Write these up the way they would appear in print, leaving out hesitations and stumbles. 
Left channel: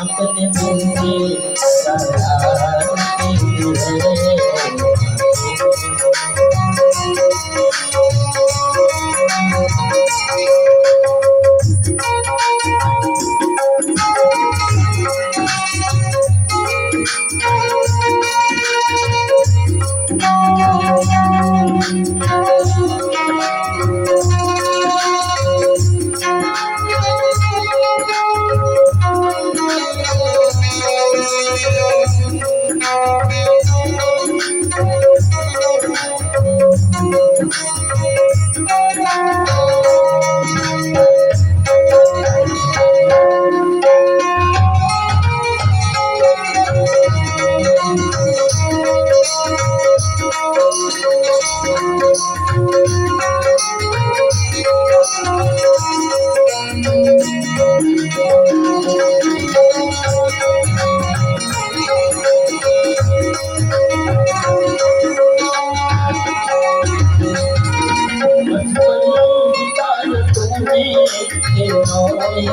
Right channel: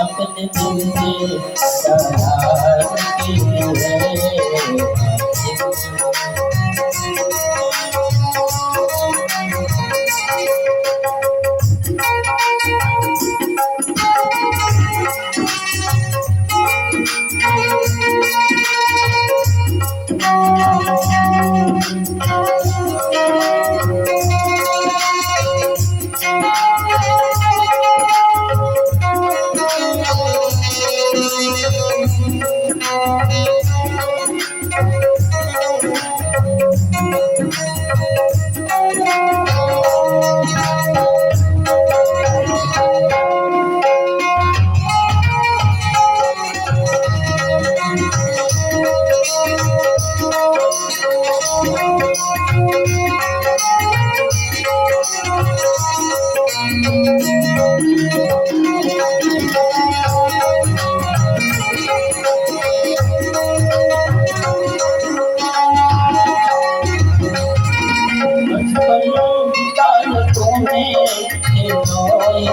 अपने दिल के करार के लिए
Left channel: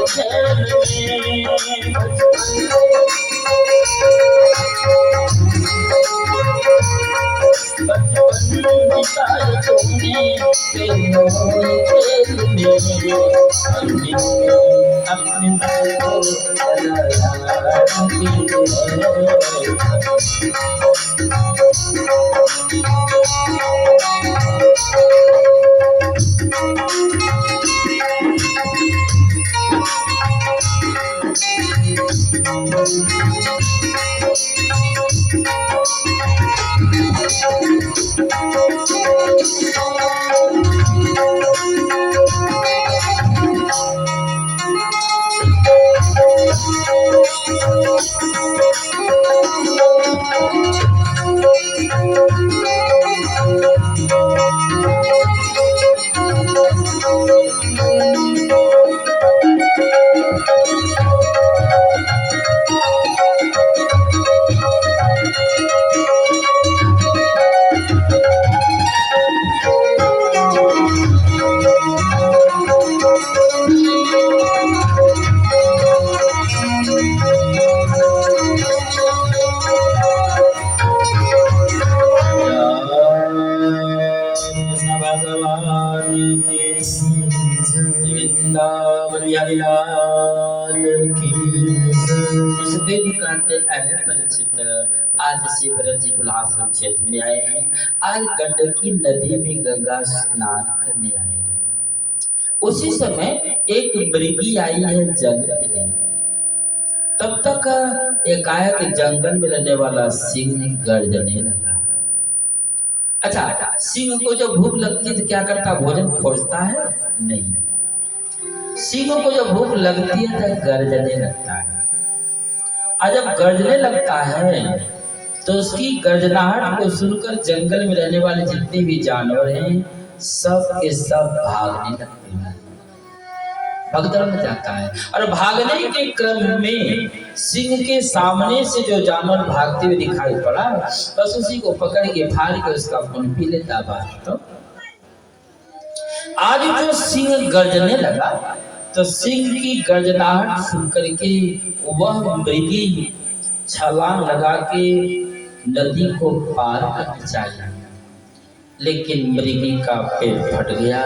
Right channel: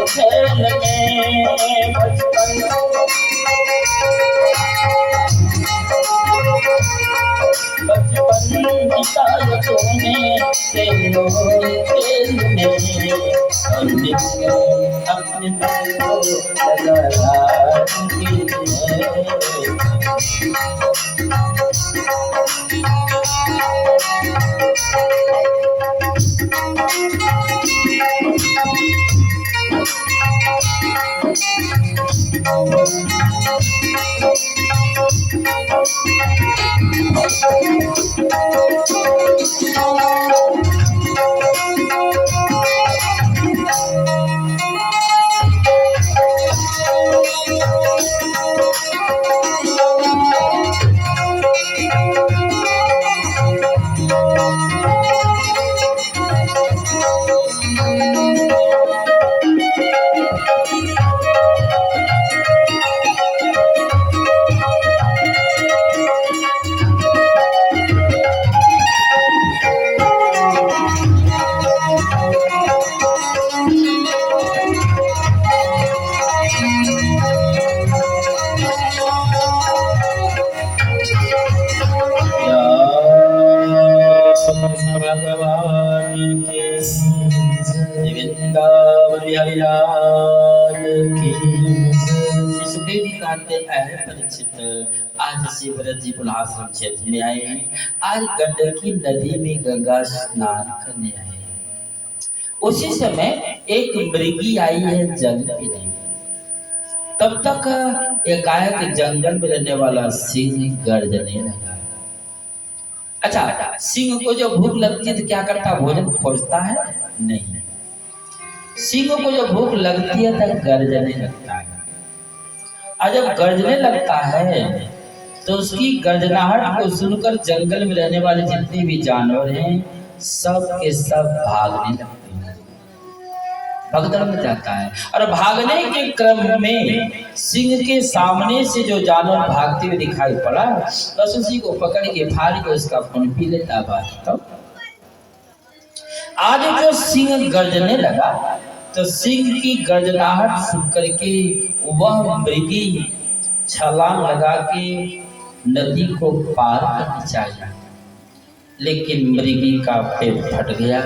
खेल में बचपन बिताया तूने खेलों खेल में अपने दिल को लगाया आज शिवरत जी बुलाश्रम क्षेत्र में आए हैं। आज गंडकी नदी में गंगा स्नान करने आए हैं। उसी समय एक मृगी आई है जल पीने। तब तक एकाएक जंगल में रहने वाला सिंह गर्जने लगा। अच्छा, सिंह को जब भूख लगती है तो क्या करता है? भोजन खोजता है? नहीं। सिंह को जब भूख लगती है तो गर्जने लगता है। और जब गर्जने लगता है तो उसकी गर्जनाहट को सुनकर जंगल में रहने वाले जितने भी जानवर हैं सब के सब भागने लगते हैं। भगदड़ में जाता है और भागने के क्रम में सिंह के सामने से जो जानवर भागते हुए दिखाई पड़ा बस उसी को पकड़ के फाड़ के उसका खून पी लेता। बात तो आज जो सिंह गर्जने लगा तो सिंह की गर्जनाहट सुन करके वह मृगी छलांग लगा के नदी को पार करना चाहिए, लेकिन मृगी का पेट फट गया।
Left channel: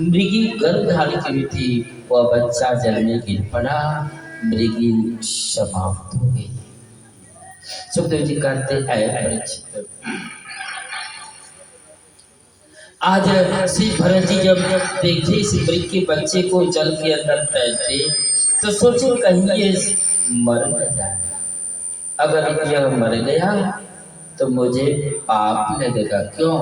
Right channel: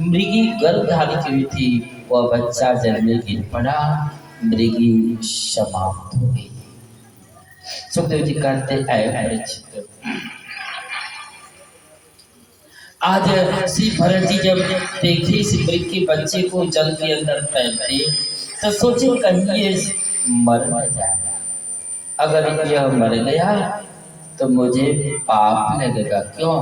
मृगी गर्भधारित हुई थी, वह बच्चा जल में गिर पड़ा, मृगी समाप्त हो गई। सुखदेव जी कहते हैं आज श्री भरत जी जब देखे इस मृग के बच्चे को जल के अंदर तैरते तो सोचे कहीं ये मर न जाए। अगर यह मर गया तो मुझे पाप लगेगा। क्यों?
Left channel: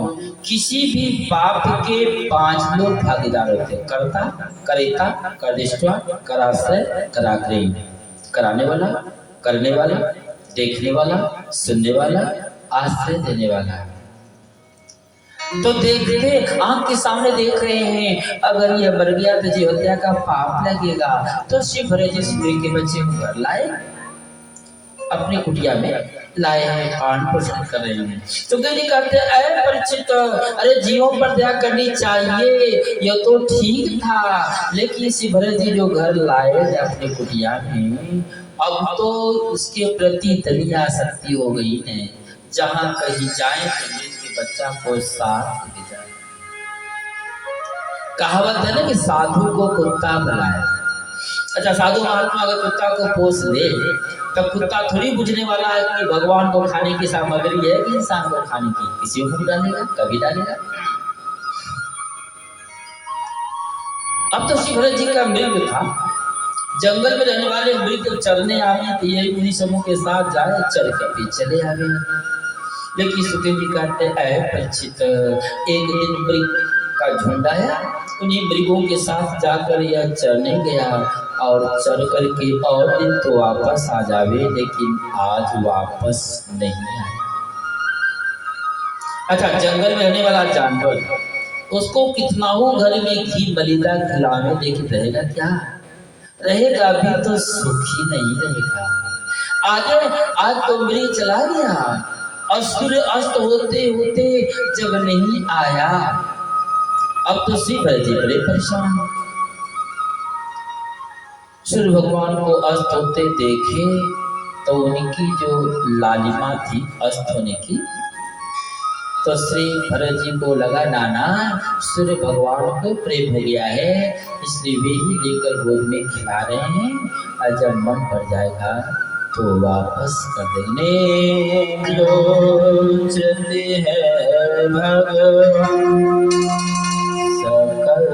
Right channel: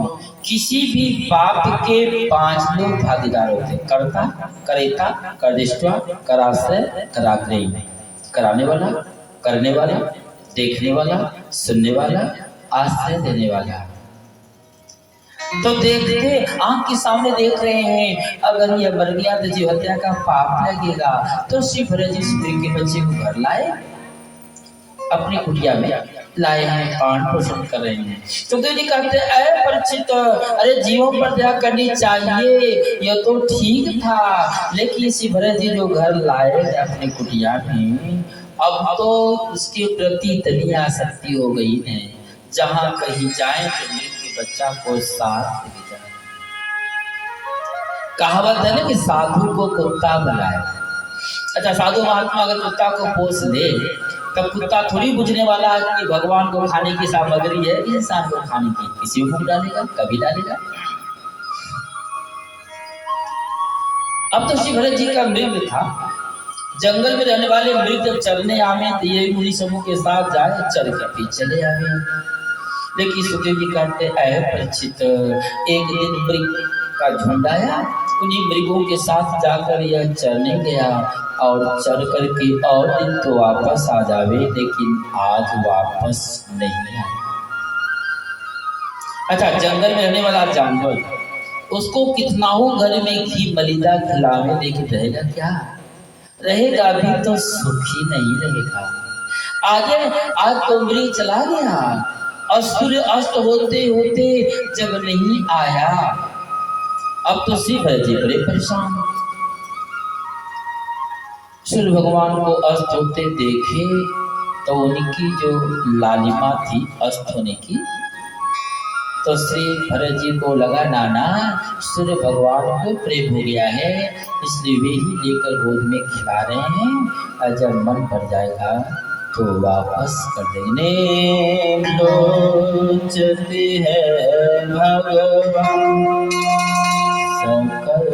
किसी भी पाप के 5 लोग भागीदार होते हैं, कर्ता, करेता, कर्दिष्टा, कराश्रय, कराग्रही। कराने वाला, करने वाला, देखने वाला, सुनने वाला, आश्रय देने वाला। तो देखते आंख के सामने देख रहे हैं, अगर ये मर गया तो जीव हत्या का पाप लगेगा। तो शिव जिस के बच्चे को घर लाए, अपनी कुटिया में लाए हैं, पालन पोषण कर रहे हैं। तो कहीं कहते अरे परिचित, अरे जीवों पर दया करनी चाहिए, यह तो ठीक था, लेकिन शिव जी जो घर लाए थे अपनी कुटिया में, अब तो उसके प्रति इतनी आसक्ति हो गई है, जहाँ कहीं जाए तो के बच्चा को साथ ले जाए। कहावत है ना कि साधु को कुत्ता बुलाए। अच्छा, साधु महात्मा अगर कुत्ता को पोस ले, तब कुत्ता थोड़ी बुझने वाला है कि भगवान को खाने की सामग्री है कि इंसान को खाने की। किसी को डालेगा, कभी डालेगा। अब तो शिवभरत जी का मृग था। जंगल में रहने वाले मृग जब चरने आवे तो ये मुनि समूह के साथ जाए, चर के पीछे चले आवे। लेकिन सुखदेव जी कहते हैं परिचित, एक दिन मृग का झुंड आया, उन्हीं मृगों के साथ जाकर यह चरने गया और चर करके और दिन तो वापस आ जावे, लेकिन आज वापस नहीं आया। अच्छा, जंगल में रहने वाला जानवर, उसको कितना हो घर में घी मलिदा खिलावे, लेकिन रहेगा क्या? रहेगा भी तो सुखी नहीं रहेगा। आज तो मृग चला गया और सूर्य अस्त होते होते जब नहीं आया, अब तो शिव जी बड़े परेशान। सूर्य भगवान को अस्त होते देखे तो उनकी जो लालिमा थी अस्त होने की, तो श्री भरत जी को लगा नाना सूर्य भगवान को प्रेम हो गया है, इसलिए वे ही लेकर गोद में खिला रहे हैं, और जब मन भर जाएगा तो वापस कर देंगे। लोचते हैं भगवान सकल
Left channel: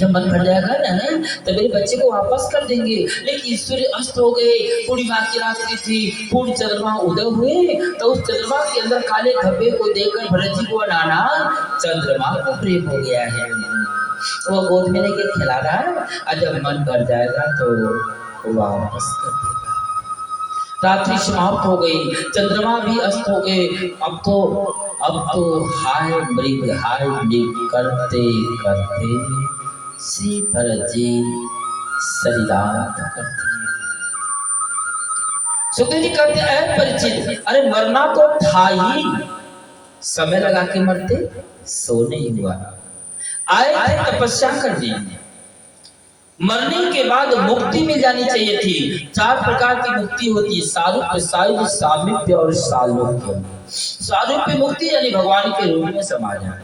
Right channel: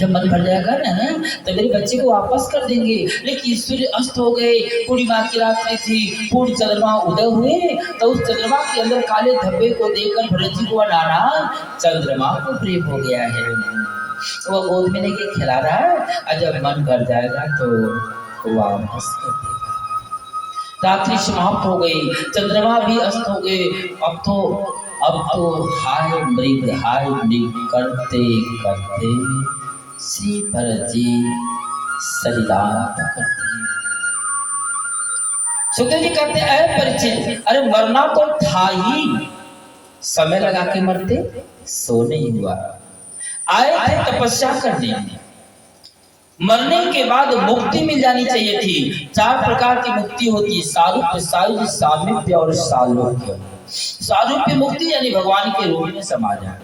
जब मन भर जाएगा ना तो मेरे बच्चे को वापस कर देंगे। लेकिन सूर्य अस्त हो गए, पूर्णिमा की रात्रि थी, पूर्ण चंद्रमा उदय हुए, तो उस चंद्रमा के अंदर काले धब्बे को देखकर भरत जी को नाना चंद्रमा को प्रेम हो गया है, वो गोद में लेके खिला रहा है, और जब मन भर जाएगा तो वापस कर देगा। रात्रि समाप्त हो गई, चंद्रमा भी अस्त हो गए। अब तो हाय मृग करते करते श्री भरत जी शरीरांत करते हैं। सुखदेव जी कहते हैं परिचित, अरे मरना तो था ही, समय लगा के मरते, सो नहीं हुआ। आए थे तपस्या करने, मरने के बाद मुक्ति मिल जानी चाहिए थी। 4 प्रकार की मुक्ति होती है, सारूप्य, सायुज्य, सामीप्य और सालोक्य। सारूप्य मुक्ति यानी भगवान के रूप में समा जाए,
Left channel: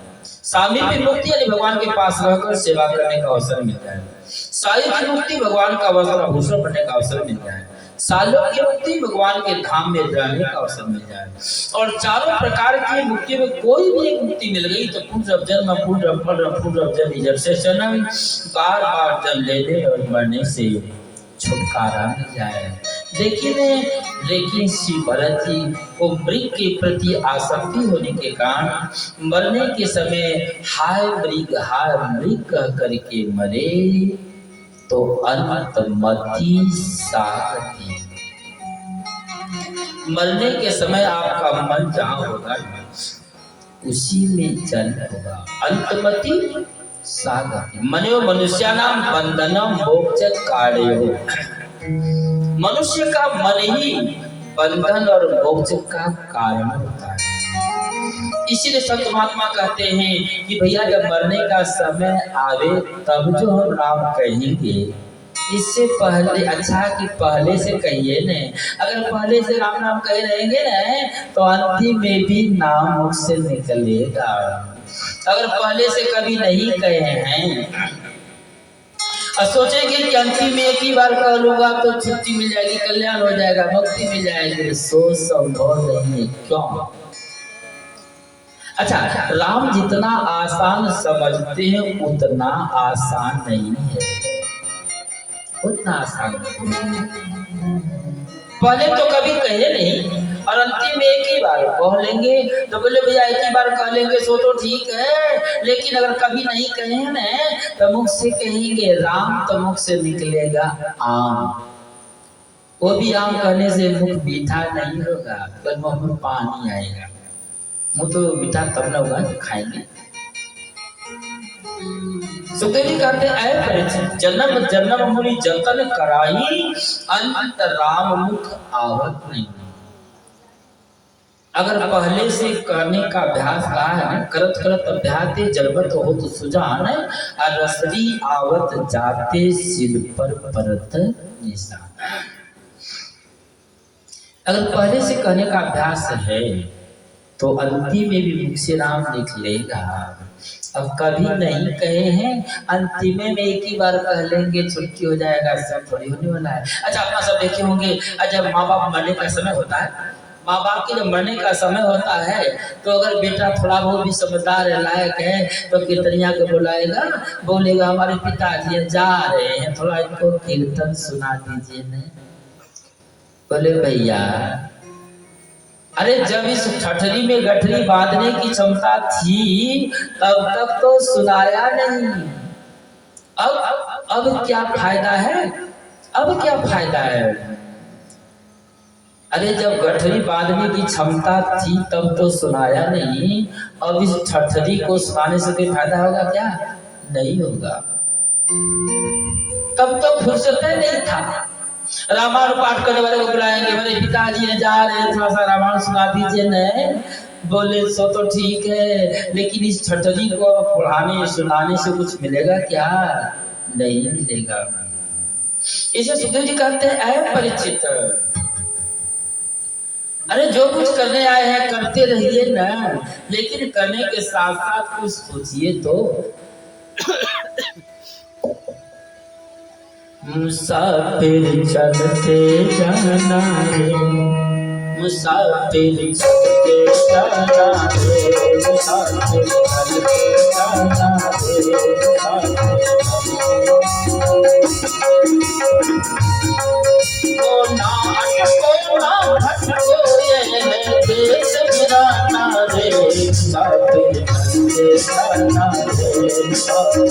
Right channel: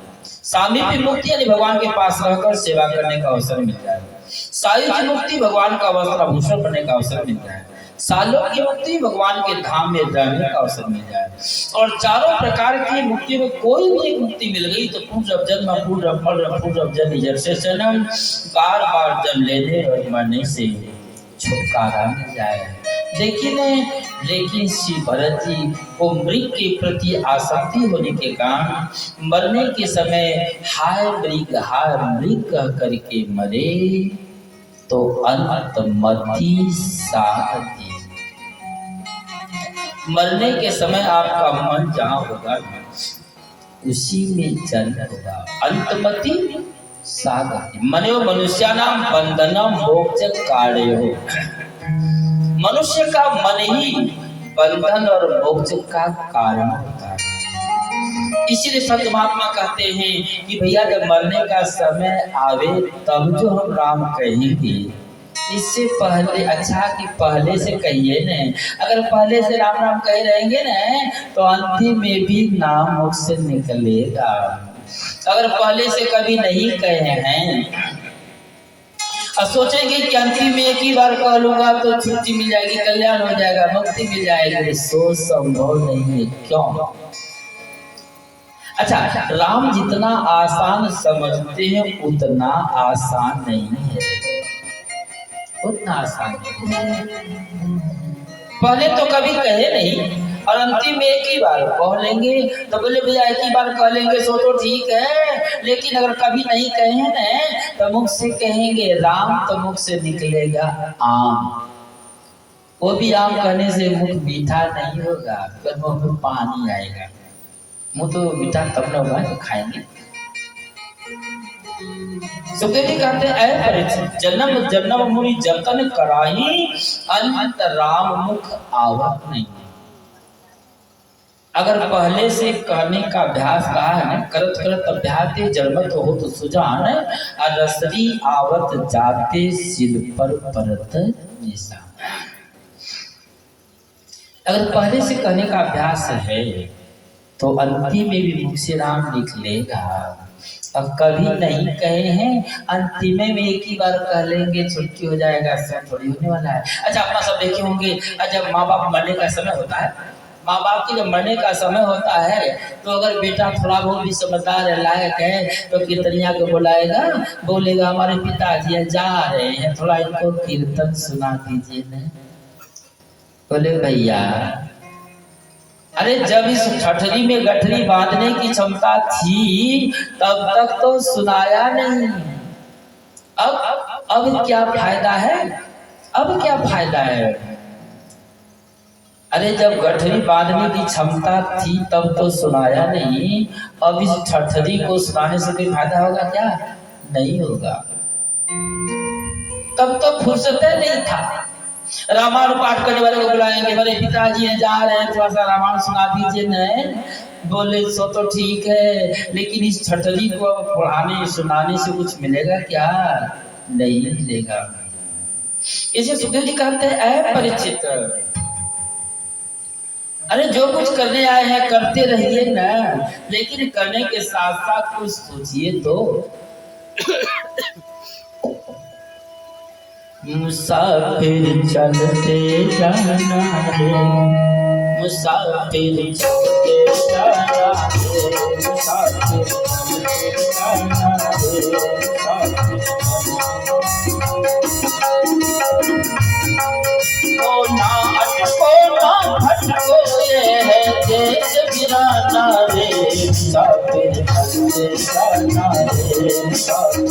सामीप्य मुक्ति यानी भगवान के पास रहकर सेवा करने का अवसर मिल जाए, सायुज्य मुक्ति भगवान का वस्त्र आभूषण बनने का अवसर मिल जाए, सालोक्य मुक्ति भगवान के धाम में रहने का अवसर मिल जाए। और चारों प्रकार की मुक्ति में कोई भी एक मुक्ति मिल गई तो पूर्व जन्म पूर्व फल पूर्व जन्म जैसे जन्म, बार बार जन्म लेने और मरने से छुटकारा मिल जाए। लेकिन श्री भरत जी को मृग के प्रति आसक्ति होने के कारण मरने के समय हाय मृग कह करके मरे, तो अंतमति सागति। मरने के समय आपका मन जहां होगा उसी में जन्म होगा। अंतमति सागति मनो मनुष्यानाम बंधनम मोक्ष कार्यो। मनुष्य का मन ही बंधन और मोक्ष का कारण होता है। इसीलिए संत महात्मा कहते हैं कि भैया जब मरने का समय आवे तब जो हम राम कहेंगे, इससे पहले अच्छा कि पहले से कहिए न। अगर पहले से राम राम कहे रहेंगे न तो अंतिम में भी नाम मुख से निकलेगा। अगर पहले से कभी नहीं कहे हैं और सोचेंगे कि अंतिम में एक ही बार कह लूंगा तो छुट्टी मिल जाएगी, कल्याण हो जाएगा, मुक्ति मिल जाएगी, सोच संभव नहीं है। क्यों? अच्छा, राम जितना आसान समझते हैं उतना आसान नहीं है। उतना आसान नहीं। पहले तो कभी कहे नहीं और अंतिम में एक ही बार कह लेंगे, तो बोले भैया एक ही बार कह लेंगे सो तो ठीक है, लेकिन अगर कभी नहीं कहे ना तो मुख से कहेंगे राम, तो मुख से निकलेगा आम। वो भी आम कहने से मुख मीठा नहीं होगा, पर मुंह में पानी आएगा। मुंह तो मीठा तब न होगा तो खाएंगे। सुखदेव जी कहते हैं ऐ परीक्षित, जन्म जन्म मुनि जतन कराही, अंत राम मुख आवत नहीं। अगर पहले से कहने का अभ्यास रहा है ना, करत करत अभ्यास जन्मत हो तो सुजान, और रसरी आवत जाते सिर पर परत निशान। अगर पहले से कहने का अभ्यास है तो अंतिम में भी मुख से राम निकलेगा। अब कभी नहीं कहे हैं, अंतिम में एक ही बार कह लेंगे छुट्टी हो जाएगा, ऐसा थोड़ी होने वाला है। अच्छा अपना सब देखे होंगे, जब माँ बाप मरने का समय होता है, माँ बाप की जब मरने का समय होता है तो अगर बेटा थोड़ा बहुत भी समझदार है, लायक है, तो कीर्तनिया को बुलाएगा, बोलेगा हमारे पिताजी जा रहे हैं, थोड़ा इनको कीर्तन सुना दीजिए न। बोले भैया अरे जब इस ठठरी में गठरी बांधने की क्षमता थी तब तक तो सुनाया नहीं, अब क्या फायदा है, अब क्या फायदा है। अरे जब गठरी बांधने की क्षमता थी तब तो सुनाया नहीं, अब इस ठठरी को सुनाने से कोई फायदा होगा क्या, नहीं होगा। तब तो फुर्सत नहीं था। रामायण पाठ करने वाले को बुलाएंगे, मेरे पिताजी जा रहे हैं, थोड़ा सा रामायण सुना दीजिए न। बोले सो तो ठीक है, लेकिन इस ठठरी को पढ़ाने सुनाने से कुछ मिलेगा क्या, नहीं मिलेगा। इसे सुखदेव जी कहते हैं ऐ परीक्षित, अरे जो कुछ करने आए हैं करते रहिए ना, लेकिन करने के साथ साथ कुछ सोचिए तो। मुसाफिर चलते जाना रे, मुसाफिर चलते जाना रे, मुसाफिर चलते जाना रे, को ना भटको ये है देश गिराना रे, मुसाफिर चलते जाना रे, मुसाफिर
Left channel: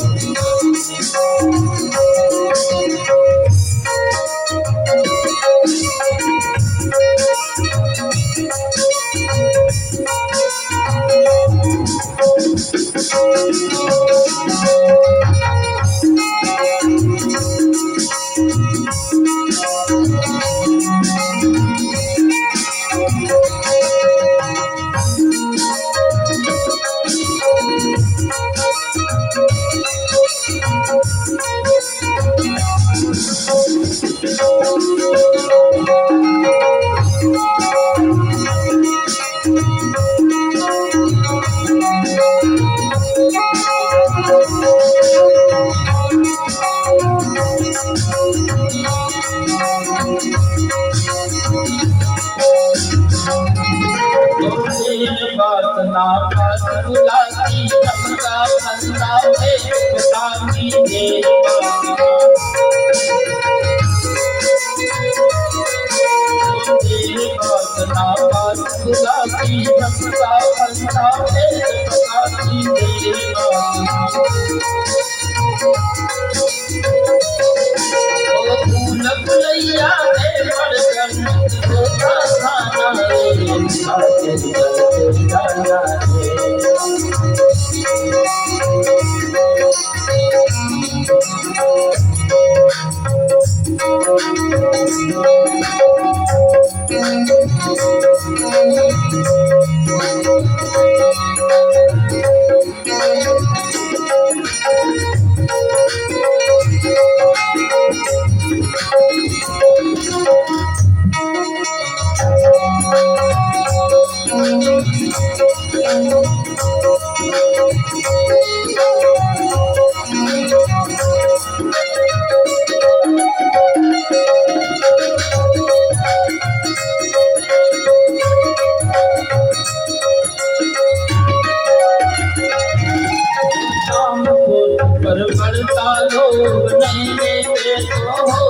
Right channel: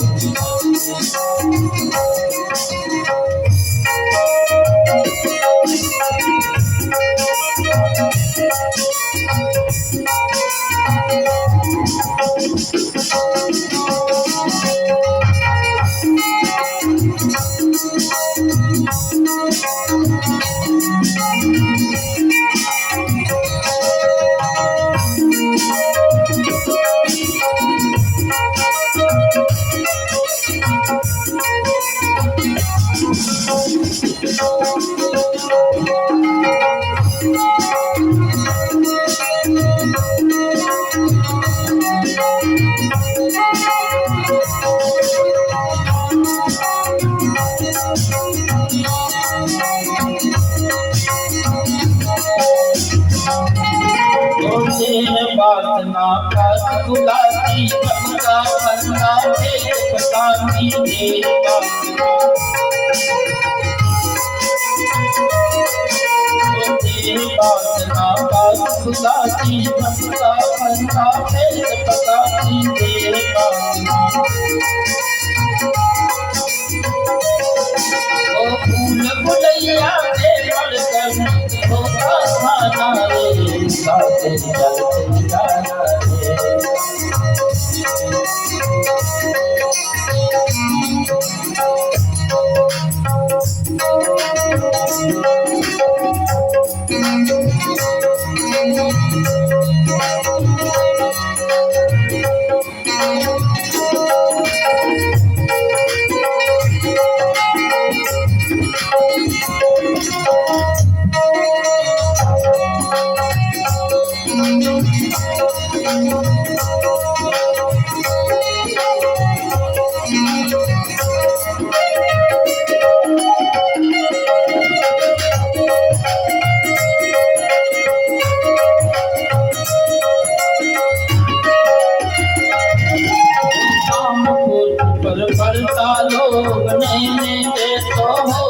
पर बढ़ता लोग नहीं देते तो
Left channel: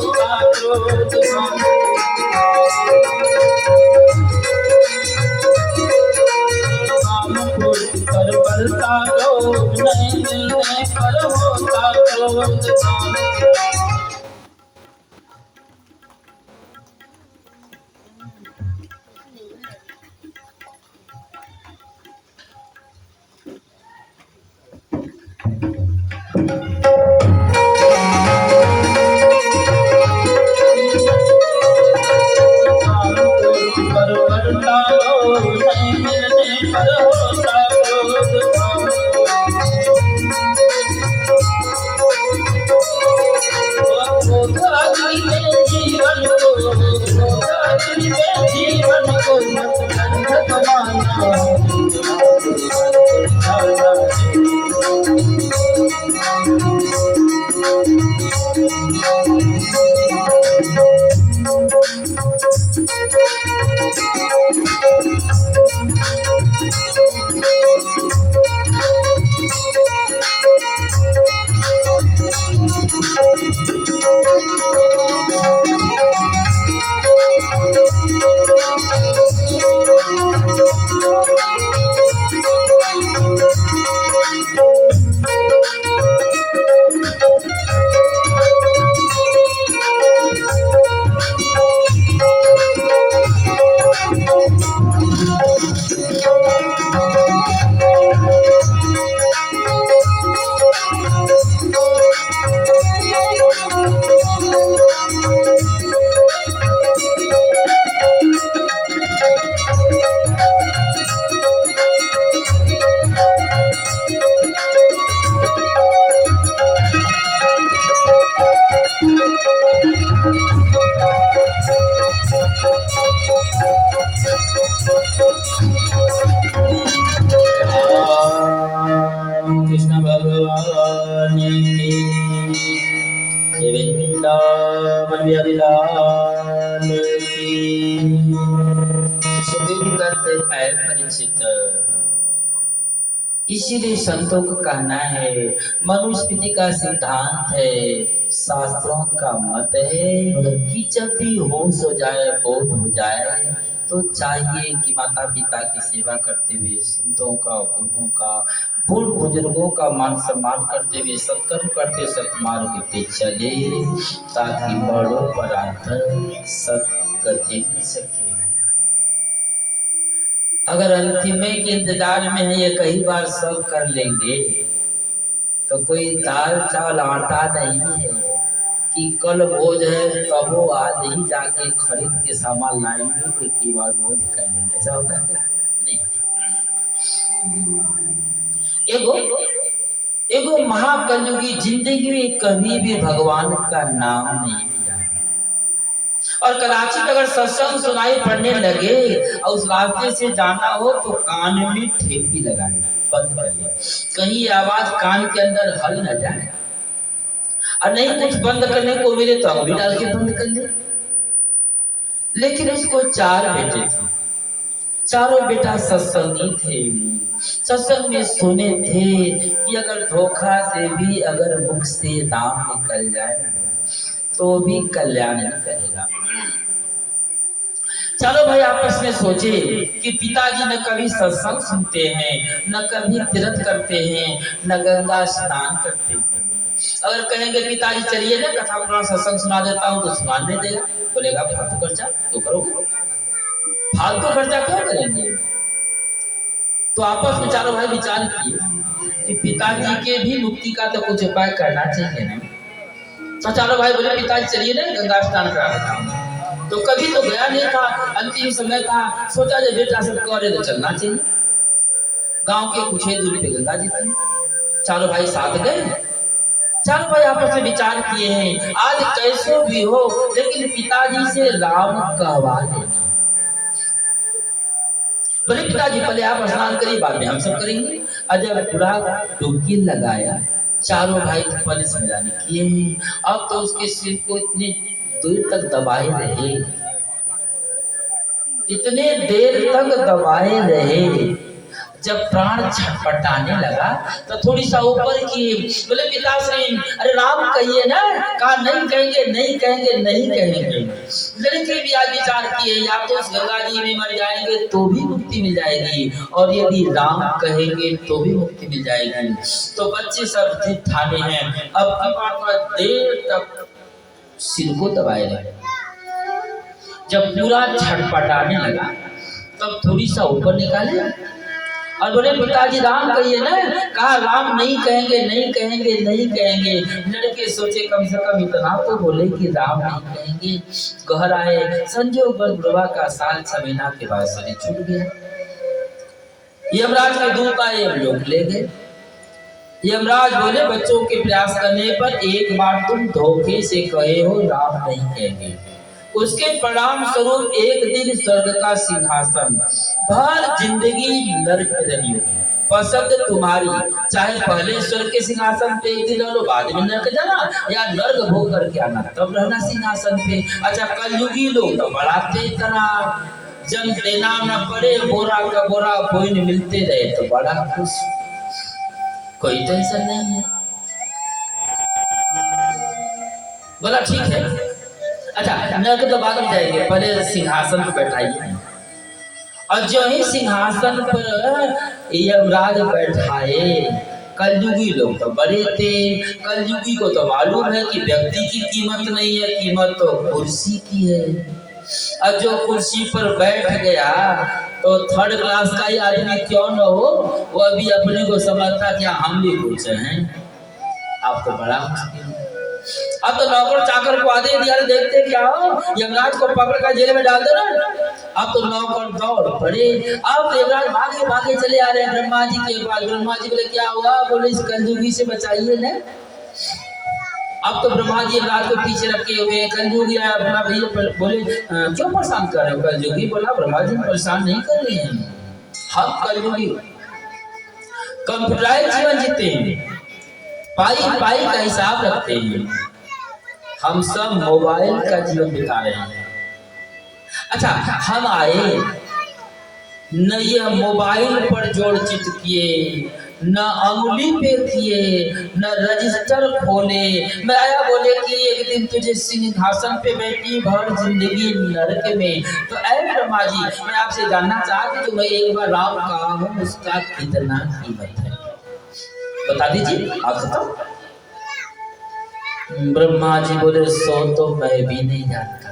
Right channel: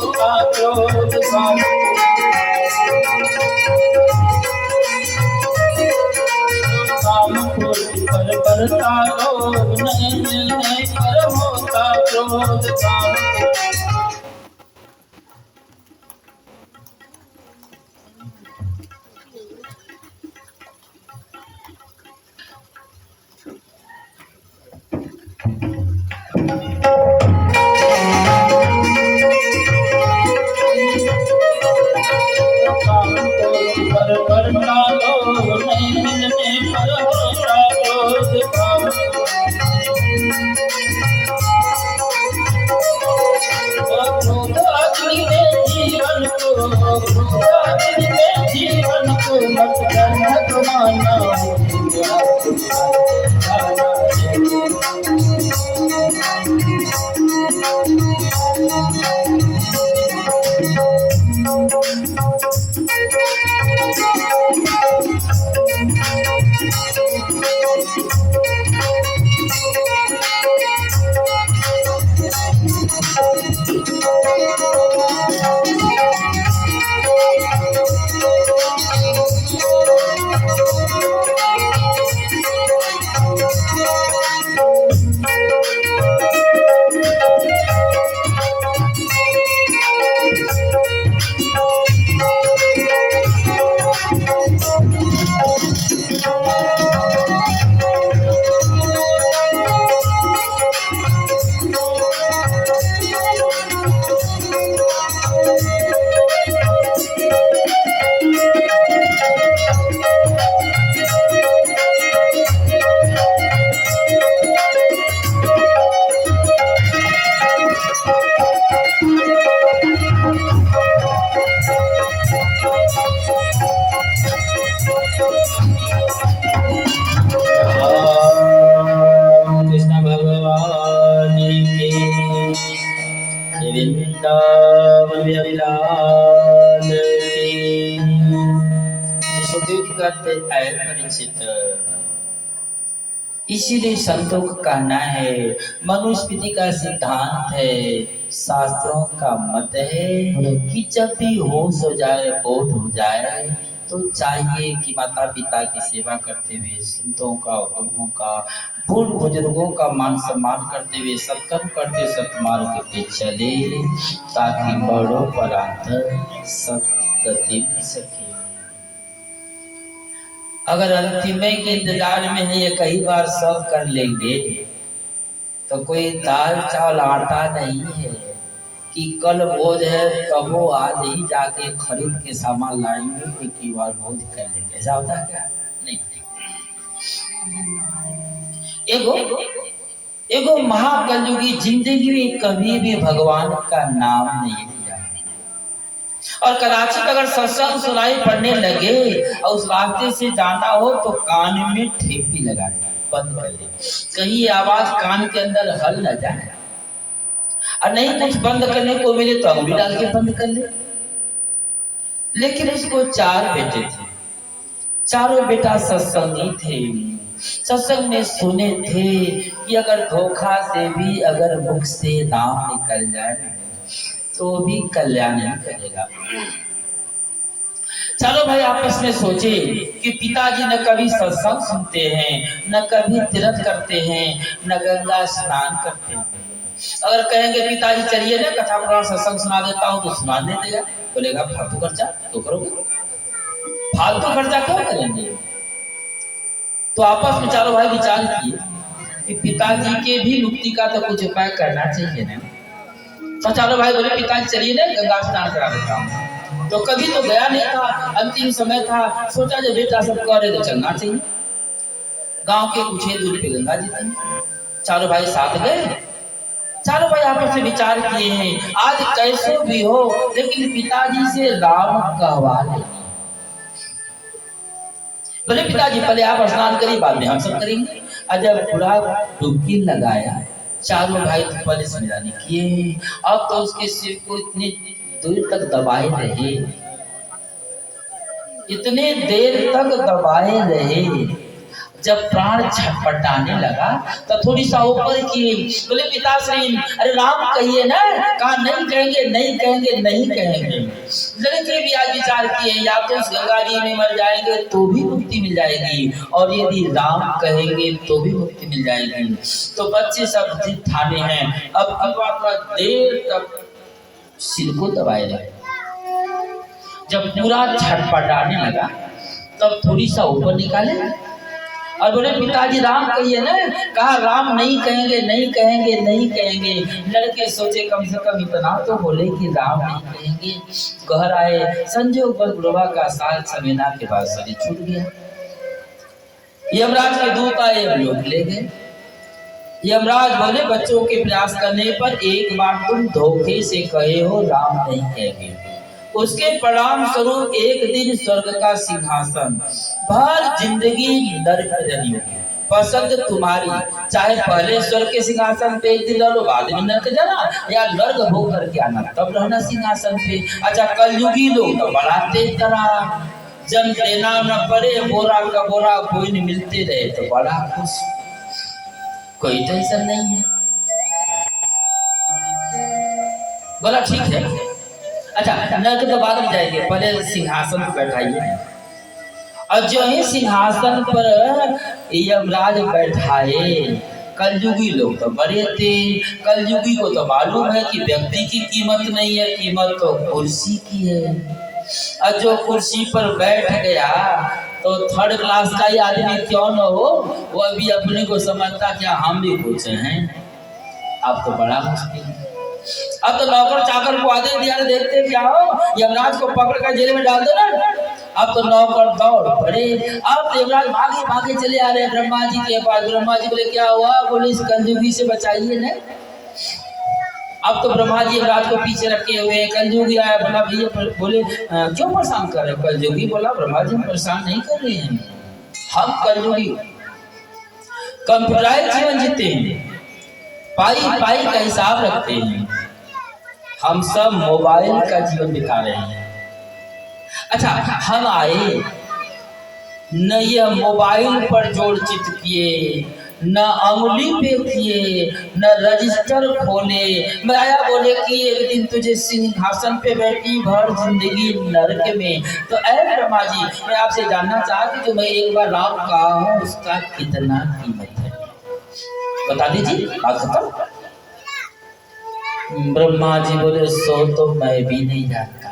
कृष्ण भगवान की वृंदावन बिहारी लाल की। सुखदेव कहते हैं परिचित, इसीलिए संतों का कहना है, मनुस्मृति का सिद्धांत है, शास्त्रों का मत है कि जब भी होश हो जाए, बोध हो जाए, तो चाहिए कि माता पिता की सेवा करते हुए, संतों का, गुरुओं का, बूढ़ बुजुर्गों का मान सम्मान करते हुए, सत्कर्म करते सत्मार्ग पे चले, ताकि बड़ों पर आकर सत्गति मिल सके। अगर अंतिमे के इंतजार में है, ये कई बार सब कर लेंगे, तो कोई दाल चावल आटा नहीं है कि कल भोज है तब वो आज ही जाके खरीद के सामान लाएंगे, कोई की बार भोज कर लेंगे। ऐसा होता है क्या? नहीं। एगो महाकलयुगी जिंदगी में कभी भी भगवान का नाम नहीं लिया, और कदाचित अगर सत्संग सुनाई पड़ने लगे और उस रास्ते से जाना हो तो कान में ठेपी लगा ले, बंद कर ले, कहीं आवाज कान के अंदर हल न जाए, और नहीं कुछ बंद करने को मिले तो अंगुली डाल के बंद कर ले। लेकिन उसको 4 बेटे थे, चारों बेटा सत्संगी थे, सत्संग में सुने थे कि अगर धोखा से भी अगर मुख से नाम निकल जाए तो भी कल्याण नहीं करेगा। चलो भाई आपस में सोचे कि पिताजी न कभी सत्संग सुनते हैं, न कभी तीर्थ करते हैं, न गंगा स्नान करते हैं। अगर कहेंगे पिताजी चलिए ना कथा पुराण सत्संग सुना देता हूँ, तो सुना नहीं देगा, बोलेगा फालतू खर्चा तो करोगे, फालतू खर्चा क्यों करेंगे। तो आपस में चारों भाई विचार किए कि पिताजी के भी मुक्ति का तो कुछ उपाय करना चाहिए ना। तो चारों भाई बोले पिताजी चलिए ना गंगा स्नान करा देता हूँ। तो कभी तो गया नहीं था, अंतिम समय था, सोचा जब बेटा सब करे तो चलना चाहिए। गांव के कुछ ही दूरी पे गंगा जी थी, चारों भाई साथ गए। चारों भाई आपस में विचार किए हैं आज कैसे भी हो लेकिन पिताजी से राम कहवा लेंगे। बोले पिताजी पहले आप स्नान करिए, बाद में हम सब करेंगे। और जब पूरा डुबकी लगाया, चारों भाई पहले समझाने किए, अब तो उसके सिर को इतनी दूर तक दबाए रहे, इतने देर तक दबाए रहे, जब प्राण छटपटाने लगा तो थोड़ी सा ऊपर किए। बोले पिताश्री अरे राम कहिए ना, कहा नहीं कहेंगे नहीं कहेंगे नहीं कहेंगे। लड़के भी आज विचार किए या तो उस गंगा जी में मर जाएंगे तो भी मुक्ति मिल जाएगी, और यदि राम कहेंगे तो भी मुक्ति मिल जाएगी। तो बच्चे सब जिद ठाने हैं, अब की बात देर तक सिर को दबाए रहे। जब पूरा छटपटाने लगा तब थोड़ी सा ऊपर निकाले और बोले पिताजी राम कहिए ना, कहा राम नहीं कहेंगे नहीं कहेंगे नहीं कहेंगे। लड़के सोचे कम से कम इतना तो बोले कि राम नहीं कहेंगे। घर आए, संजोग बुढ़वा का साल समेना के बाद शरीर छूट गया। यमराज के दूत आए, यमलोक ले गए। यमराज बोले बच्चों के प्रयास करने पर एक बार तुम धोखे से कहे हो राम नहीं कहेंगे, उसके परिणाम स्वरूप एक दिन स्वर्ग का सिंहासन भर जिंदगी नरक रही होगी। पसंद तुम्हारी, चाहे पहले स्वर्ग के सिंहासन पे एक दिन रह लो, बाद में नरक जाना, या नर्क भोग करके आना तब रहना सिंहासन पे। अच्छा, कलयुगी लोग तो बड़ा तेज तरार, जन देना न पड़े बोरा का बोरा कोई नहीं मिलते रहे तो बड़ा खुश, कोई टेंशन नहीं है। बोला ठीक है। अच्छा, नरक तो बाद में जाएंगे, पहले सिंहासन पर बैठाइए। और जो ही सिंहासन पर यमराज बैठाए, कलयुगी लोग तो बड़े थे, कलयुगी को तो मालूम है कि व्यक्ति की कीमत नहीं है, कीमत तो कुर्सी की है। और जो कुर्सी पर बैठ गया तो थर्ड क्लास का ही आदमी क्यों न हो, वो अभी अपने को समझता क्या हम भी कुछ हैं। अब तो बड़ा मुश्किल है। अब तो नौकर चाकर को आदेश दिया, देखते क्या हो, यमराज को पकड़ कर जेल में डाल दो ना। अब तो नौकर दौड़ पड़े, अब तो यमराज भागे भागे चले आ रहे हैं ब्रह्मा जी के पास। ब्रह्मा जी बोले क्या हुआ, बोले इस कलयुगी से बचाइए ना। अब तो ब्रह्मा जी यमराज को पीछे रखे हुए, कलयुगी आया, बोला भैया, बोले क्यों परेशान कर रहे हो कलयुगी। बोला ब्रह्मा जी परेशान नहीं कर रहे हैं, हम कलयुगी कंप्यूटराइज जीवन जीते हैं, पाई पाई का हिसाब रखते हैं, हम सब मोबाइल का जीवन बिता रहे हैं। अच्छा, हम आए न यह मोबाइल पर जोड़ चित किए, न अंगुली पे किए, न रजिस्टर खोले। मैं आया बोले कि एक दिन तुझे सिंहासन पे बैठी भर जिंदगी नरक में। तो ऐ ब्रह्मा जी, मैं आपसे जानना चाहा कि जो मैं एक बार राम कहा हूँ उसका कितना कीमत है, बता दीजिए। बात खत्म। ब्रह्मा जी बोले सो तो मैं भी नहीं जानता,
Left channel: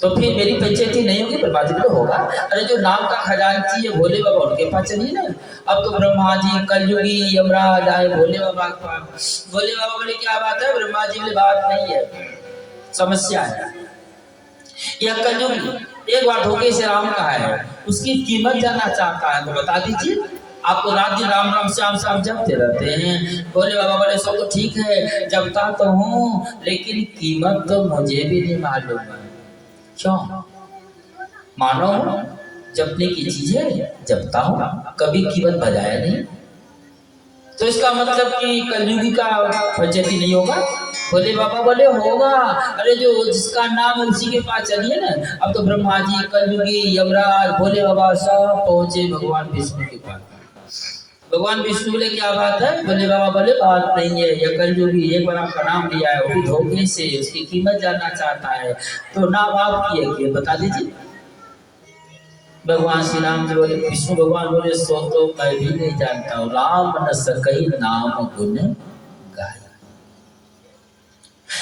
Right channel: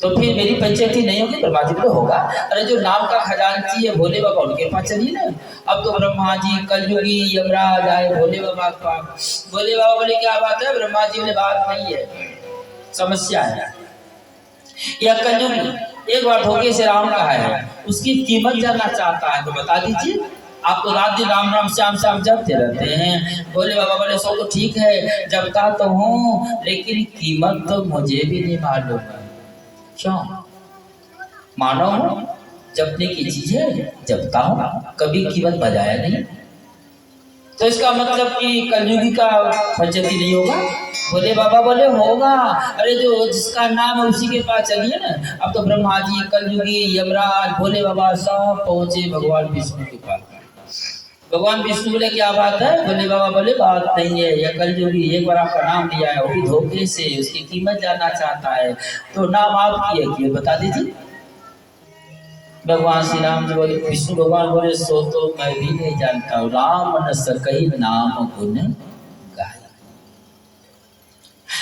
तो फिर मेरी पंचायती नहीं होगी। ब्रह्मा जी बोले होगा, अरे जो नाम का खजांची है भोले बाबा, उनके पास चलिए ना। अब तो ब्रह्मा जी कलयुगी यमराज आए भोले बाबा के पास। भोले बाबा बोले क्या बात है। ब्रह्मा जी बोले बात नहीं है, समस्या है। यह कलयुगी एक बार धोखे से राम कहा है, उसकी कीमत जानना चाहता है, तो बता दीजिए। आप तो रात दिन राम राम श्याम श्याम जपते रहते हैं। भोले बाबा बोले सब तो ठीक है, जपता तो हूँ, लेकिन कीमत तो मुझे भी नहीं मालूम है। क्यों? मानो जपने की चीज है, जपता हूँ, कभी कीमत बजाया नहीं, तो इसका मतलब कि कलयुगी का पंचायती नहीं होगा। भोले बाबा बोले होगा, अरे जो जिसका नाम है उसी के पास चलिए ना। अब तो ब्रह्मा जी, कलयुगी, यमराज, भोले बाबा सब पहुंचे भगवान विष्णु के पास। भगवान विष्णु बोले क्या बात है। भोले बाबा बोले बात नहीं है, यह कलयुगी एक बार आपका नाम लिया है, वो भी धोखे से, उसकी कीमत जानना चाहता है, तो नाम आपकी है कि बता दीजिए। भगवान श्री राम जी बोले, विष्णु भगवान बोले सो तो मैं भी नहीं जानता हूँ, राम न सकई नाम गुण गाय।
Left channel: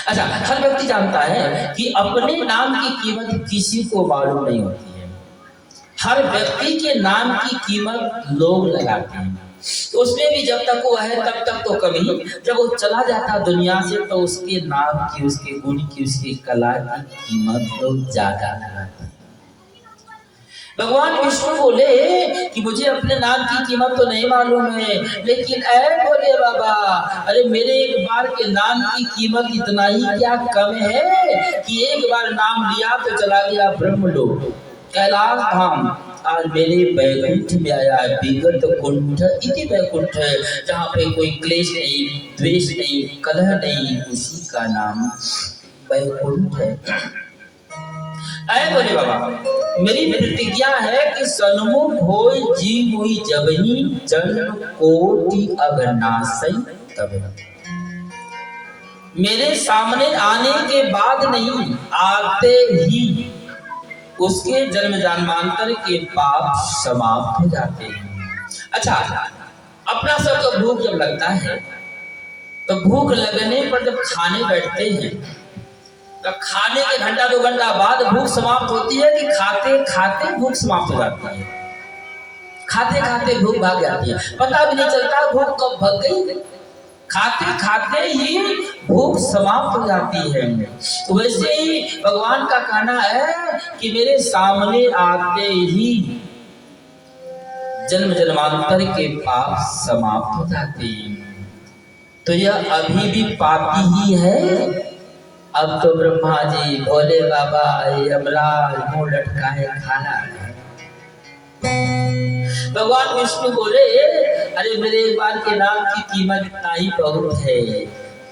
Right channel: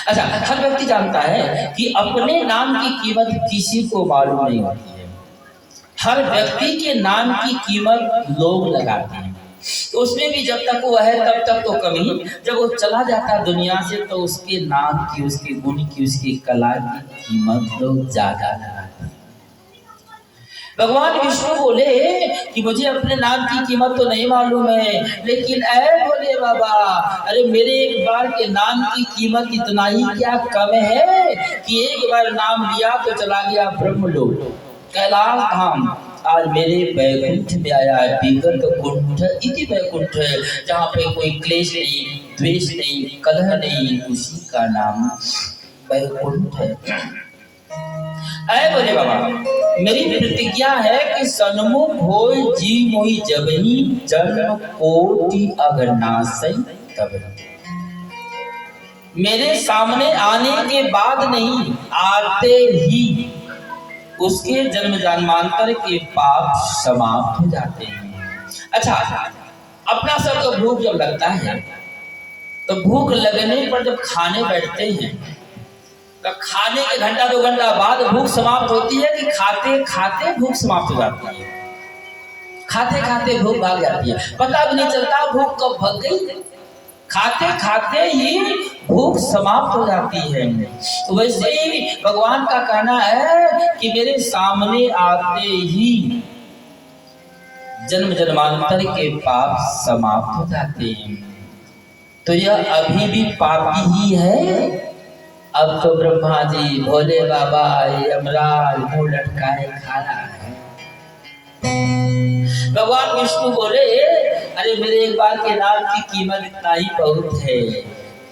अच्छा, हर व्यक्ति जानता है कि अपने नाम की कीमत किसी को मालूम नहीं होती है। हर व्यक्ति के नाम की कीमत लोग लगाते हैं, तो उसमें भी जब तक वो है तब तक तो कम ही, जब वो चला जाता दुनिया से तो उसके नाम की, उसके गुण की, उसकी कला की कीमत लोग ज्यादा लगाते हैं। भगवान विष्णु बोले कि मुझे अपने नाम की कीमत तो नहीं मालूम है, लेकिन ऐ बोले बाबा, अरे मेरे एक बार के नाम की कीमत इतना ही क्या कम है कि एक बार नाम लिया तो चला गया ब्रह्मलोक, कैलाश धाम। आज मेरे वैकुंठ में आया, विगत कुंठ इति वैकुंठ, जहाँ पे कोई क्लेश नहीं, द्वेष नहीं, कलह नहीं, उसी का नाम वैकुंठ है। ऐ बोले बाबा, मेरी प्रतिज्ञा है कि सन्मुख होय जी मोहि जबहि, जन्म कोटि अगनासै तब। मेरे सामने आने के बाद नहीं, आते ही उसके जन्म जन्मांतर के पाप समाप्त हो जाते हैं। अच्छा, अपना सबको भूख जब लगता है तो भूख लगने पर जब खाने बैठते हैं तो खाने के घंटा 2 घंटा बाद भूख समाप्त होती है कि खाते खाते भूख समाप्त हो जाती है। खाते खाते भूख भाग जाती है, पता भी नहीं चलता भूख कब भाग गई, खाते खाते ही भूख समाप्त हो जाती है। तो वैसे ही भगवान का कहना है कि मेरे सामने आते ही जन्म जन्मांतर के पाप समाप्त हो जाते हैं। तो यह अभी भी पापी ही है। अब तो ब्रह्मा जी, भोले बाबा, यमराज मुंह लटकाए खा रहा है। भगवान विष्णु बोले, अरे मेरे एक बार के नाम की कीमत इतना ही बहुत है।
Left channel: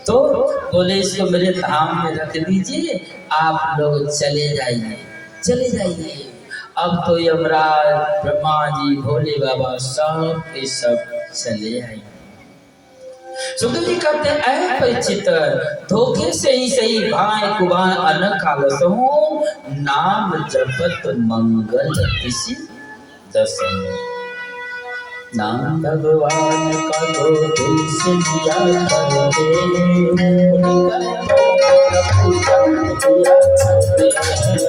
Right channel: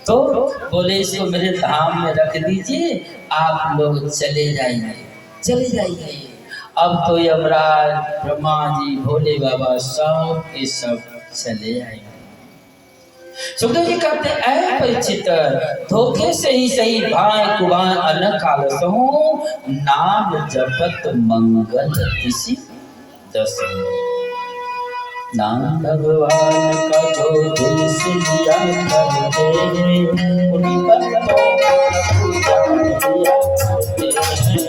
तो बोले इसको मेरे धाम में रख दीजिए, आप लोग चले जाइए, चले जाइए। अब तो यमराज, ब्रह्मा जी, भोले बाबा सब के सब चले आए। सुखदेव जी कहते हैं, परीक्षित धोखे से ही सही भाई कुबान अन कालसहु, नाम जपत मंगल किसी दस। नाम भगवान का धोखे से लिया करते, उन्हीं कर्मों का पूजा किया करते हैं।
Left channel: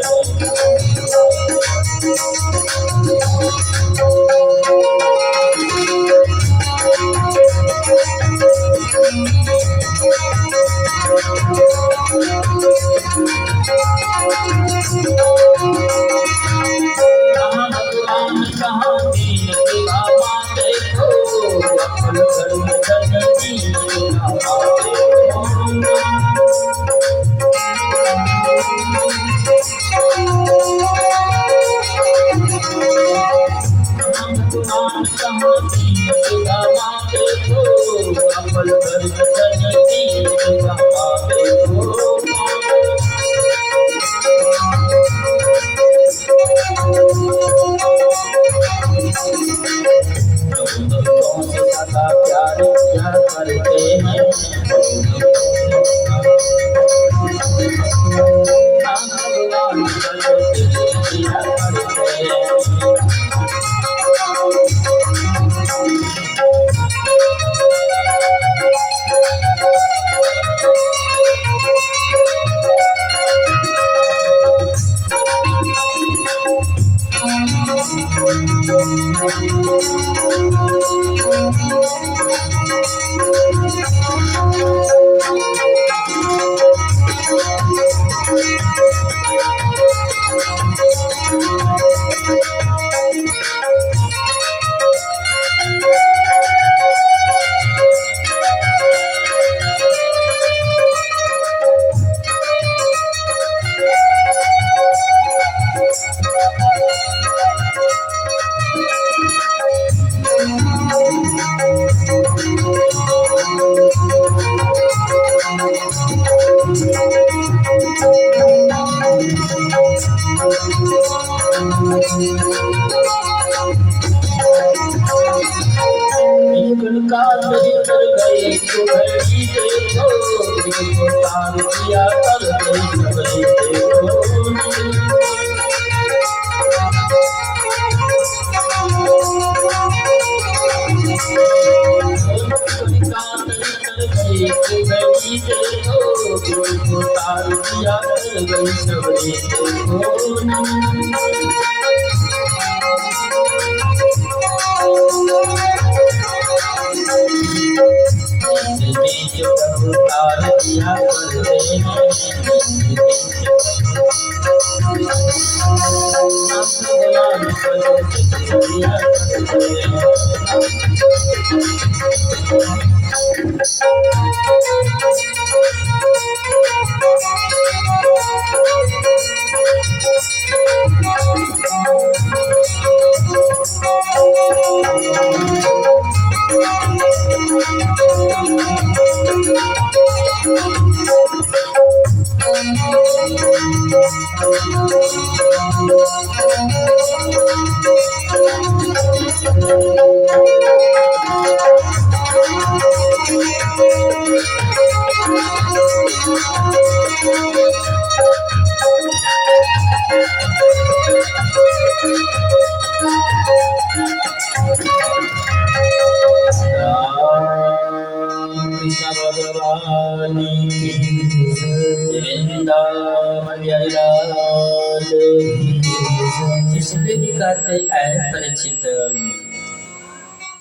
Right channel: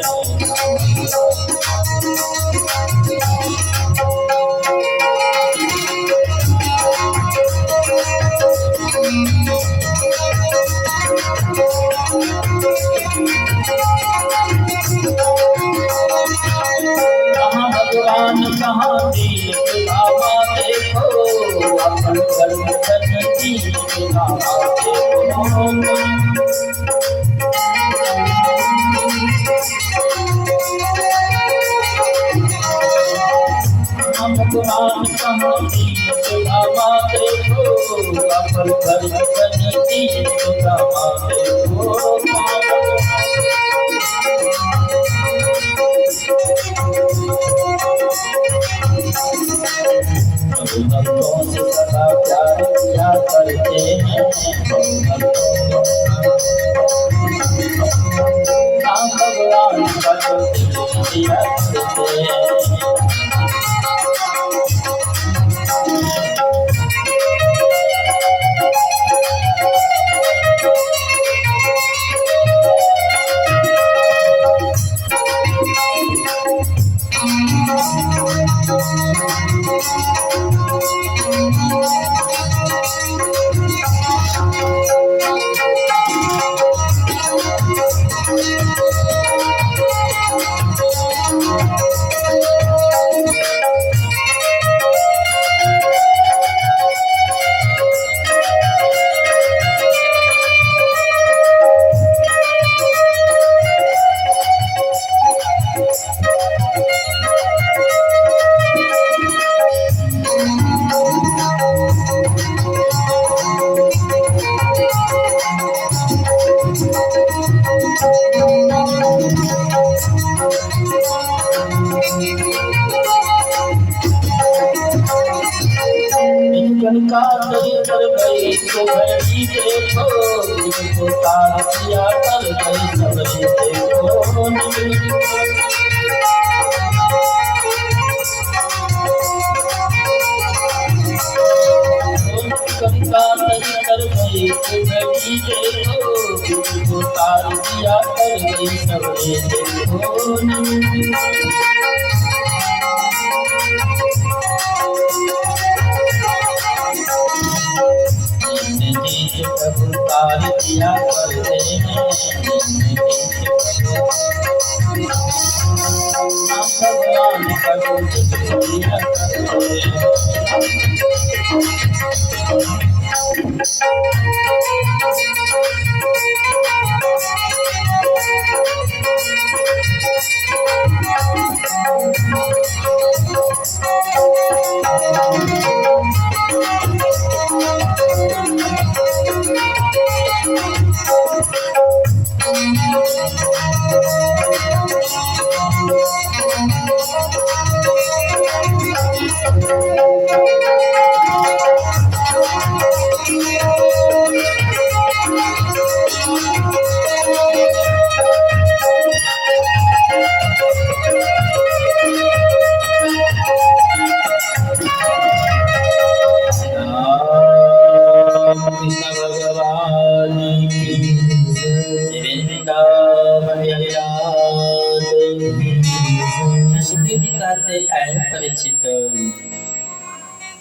कहाँ भगवान कहाँ दीन की बाबा देखो, अपन धर्म धन दीन की बाबा देखो। भगवान कहाँ दीन की बाबा देखो, अपन धर्म धन दीन की बाबा देखो। भक्तों से सदा प्यार किया करते हैं, नाम भगवान का दिया करते हैं।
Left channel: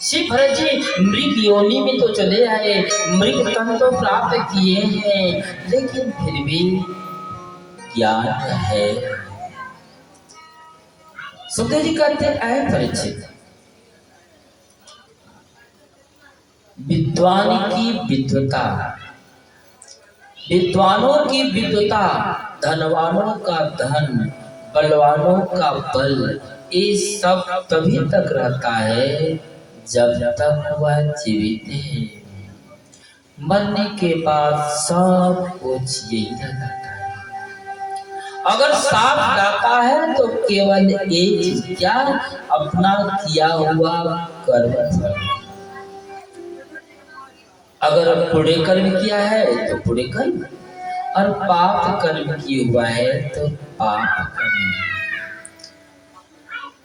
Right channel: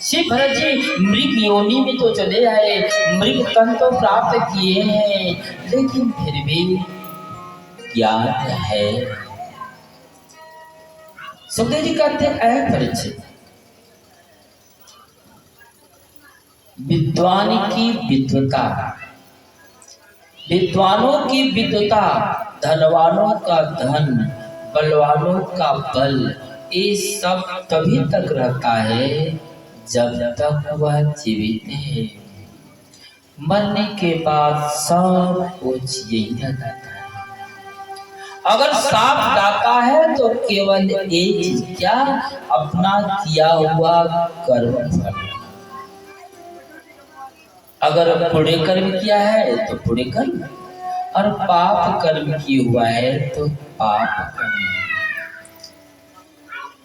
श्री भरत जी मृग योनि में तो चले आए, मृग तन तो प्राप्त किए हैं, लेकिन फिर भी ज्ञान है। सुखदेव जी कहते हैं, परीक्षित विद्वान की विद्वता, विद्वानों की विद्वता, धनवानों का धन, बलवानों का बल ये सब तभी तक रहता है जब तक वह जीवित है। मरने के बाद सब कुछ यही रह जाता है। अगर सांप गाता है तो केवल एक चीज, क्या? अपना किया हुआ कर्म फल। अगर बुरे कर्म किया है तो बुरे कर्म, और पाप कर्म किया हुआ है तो पाप कर्म।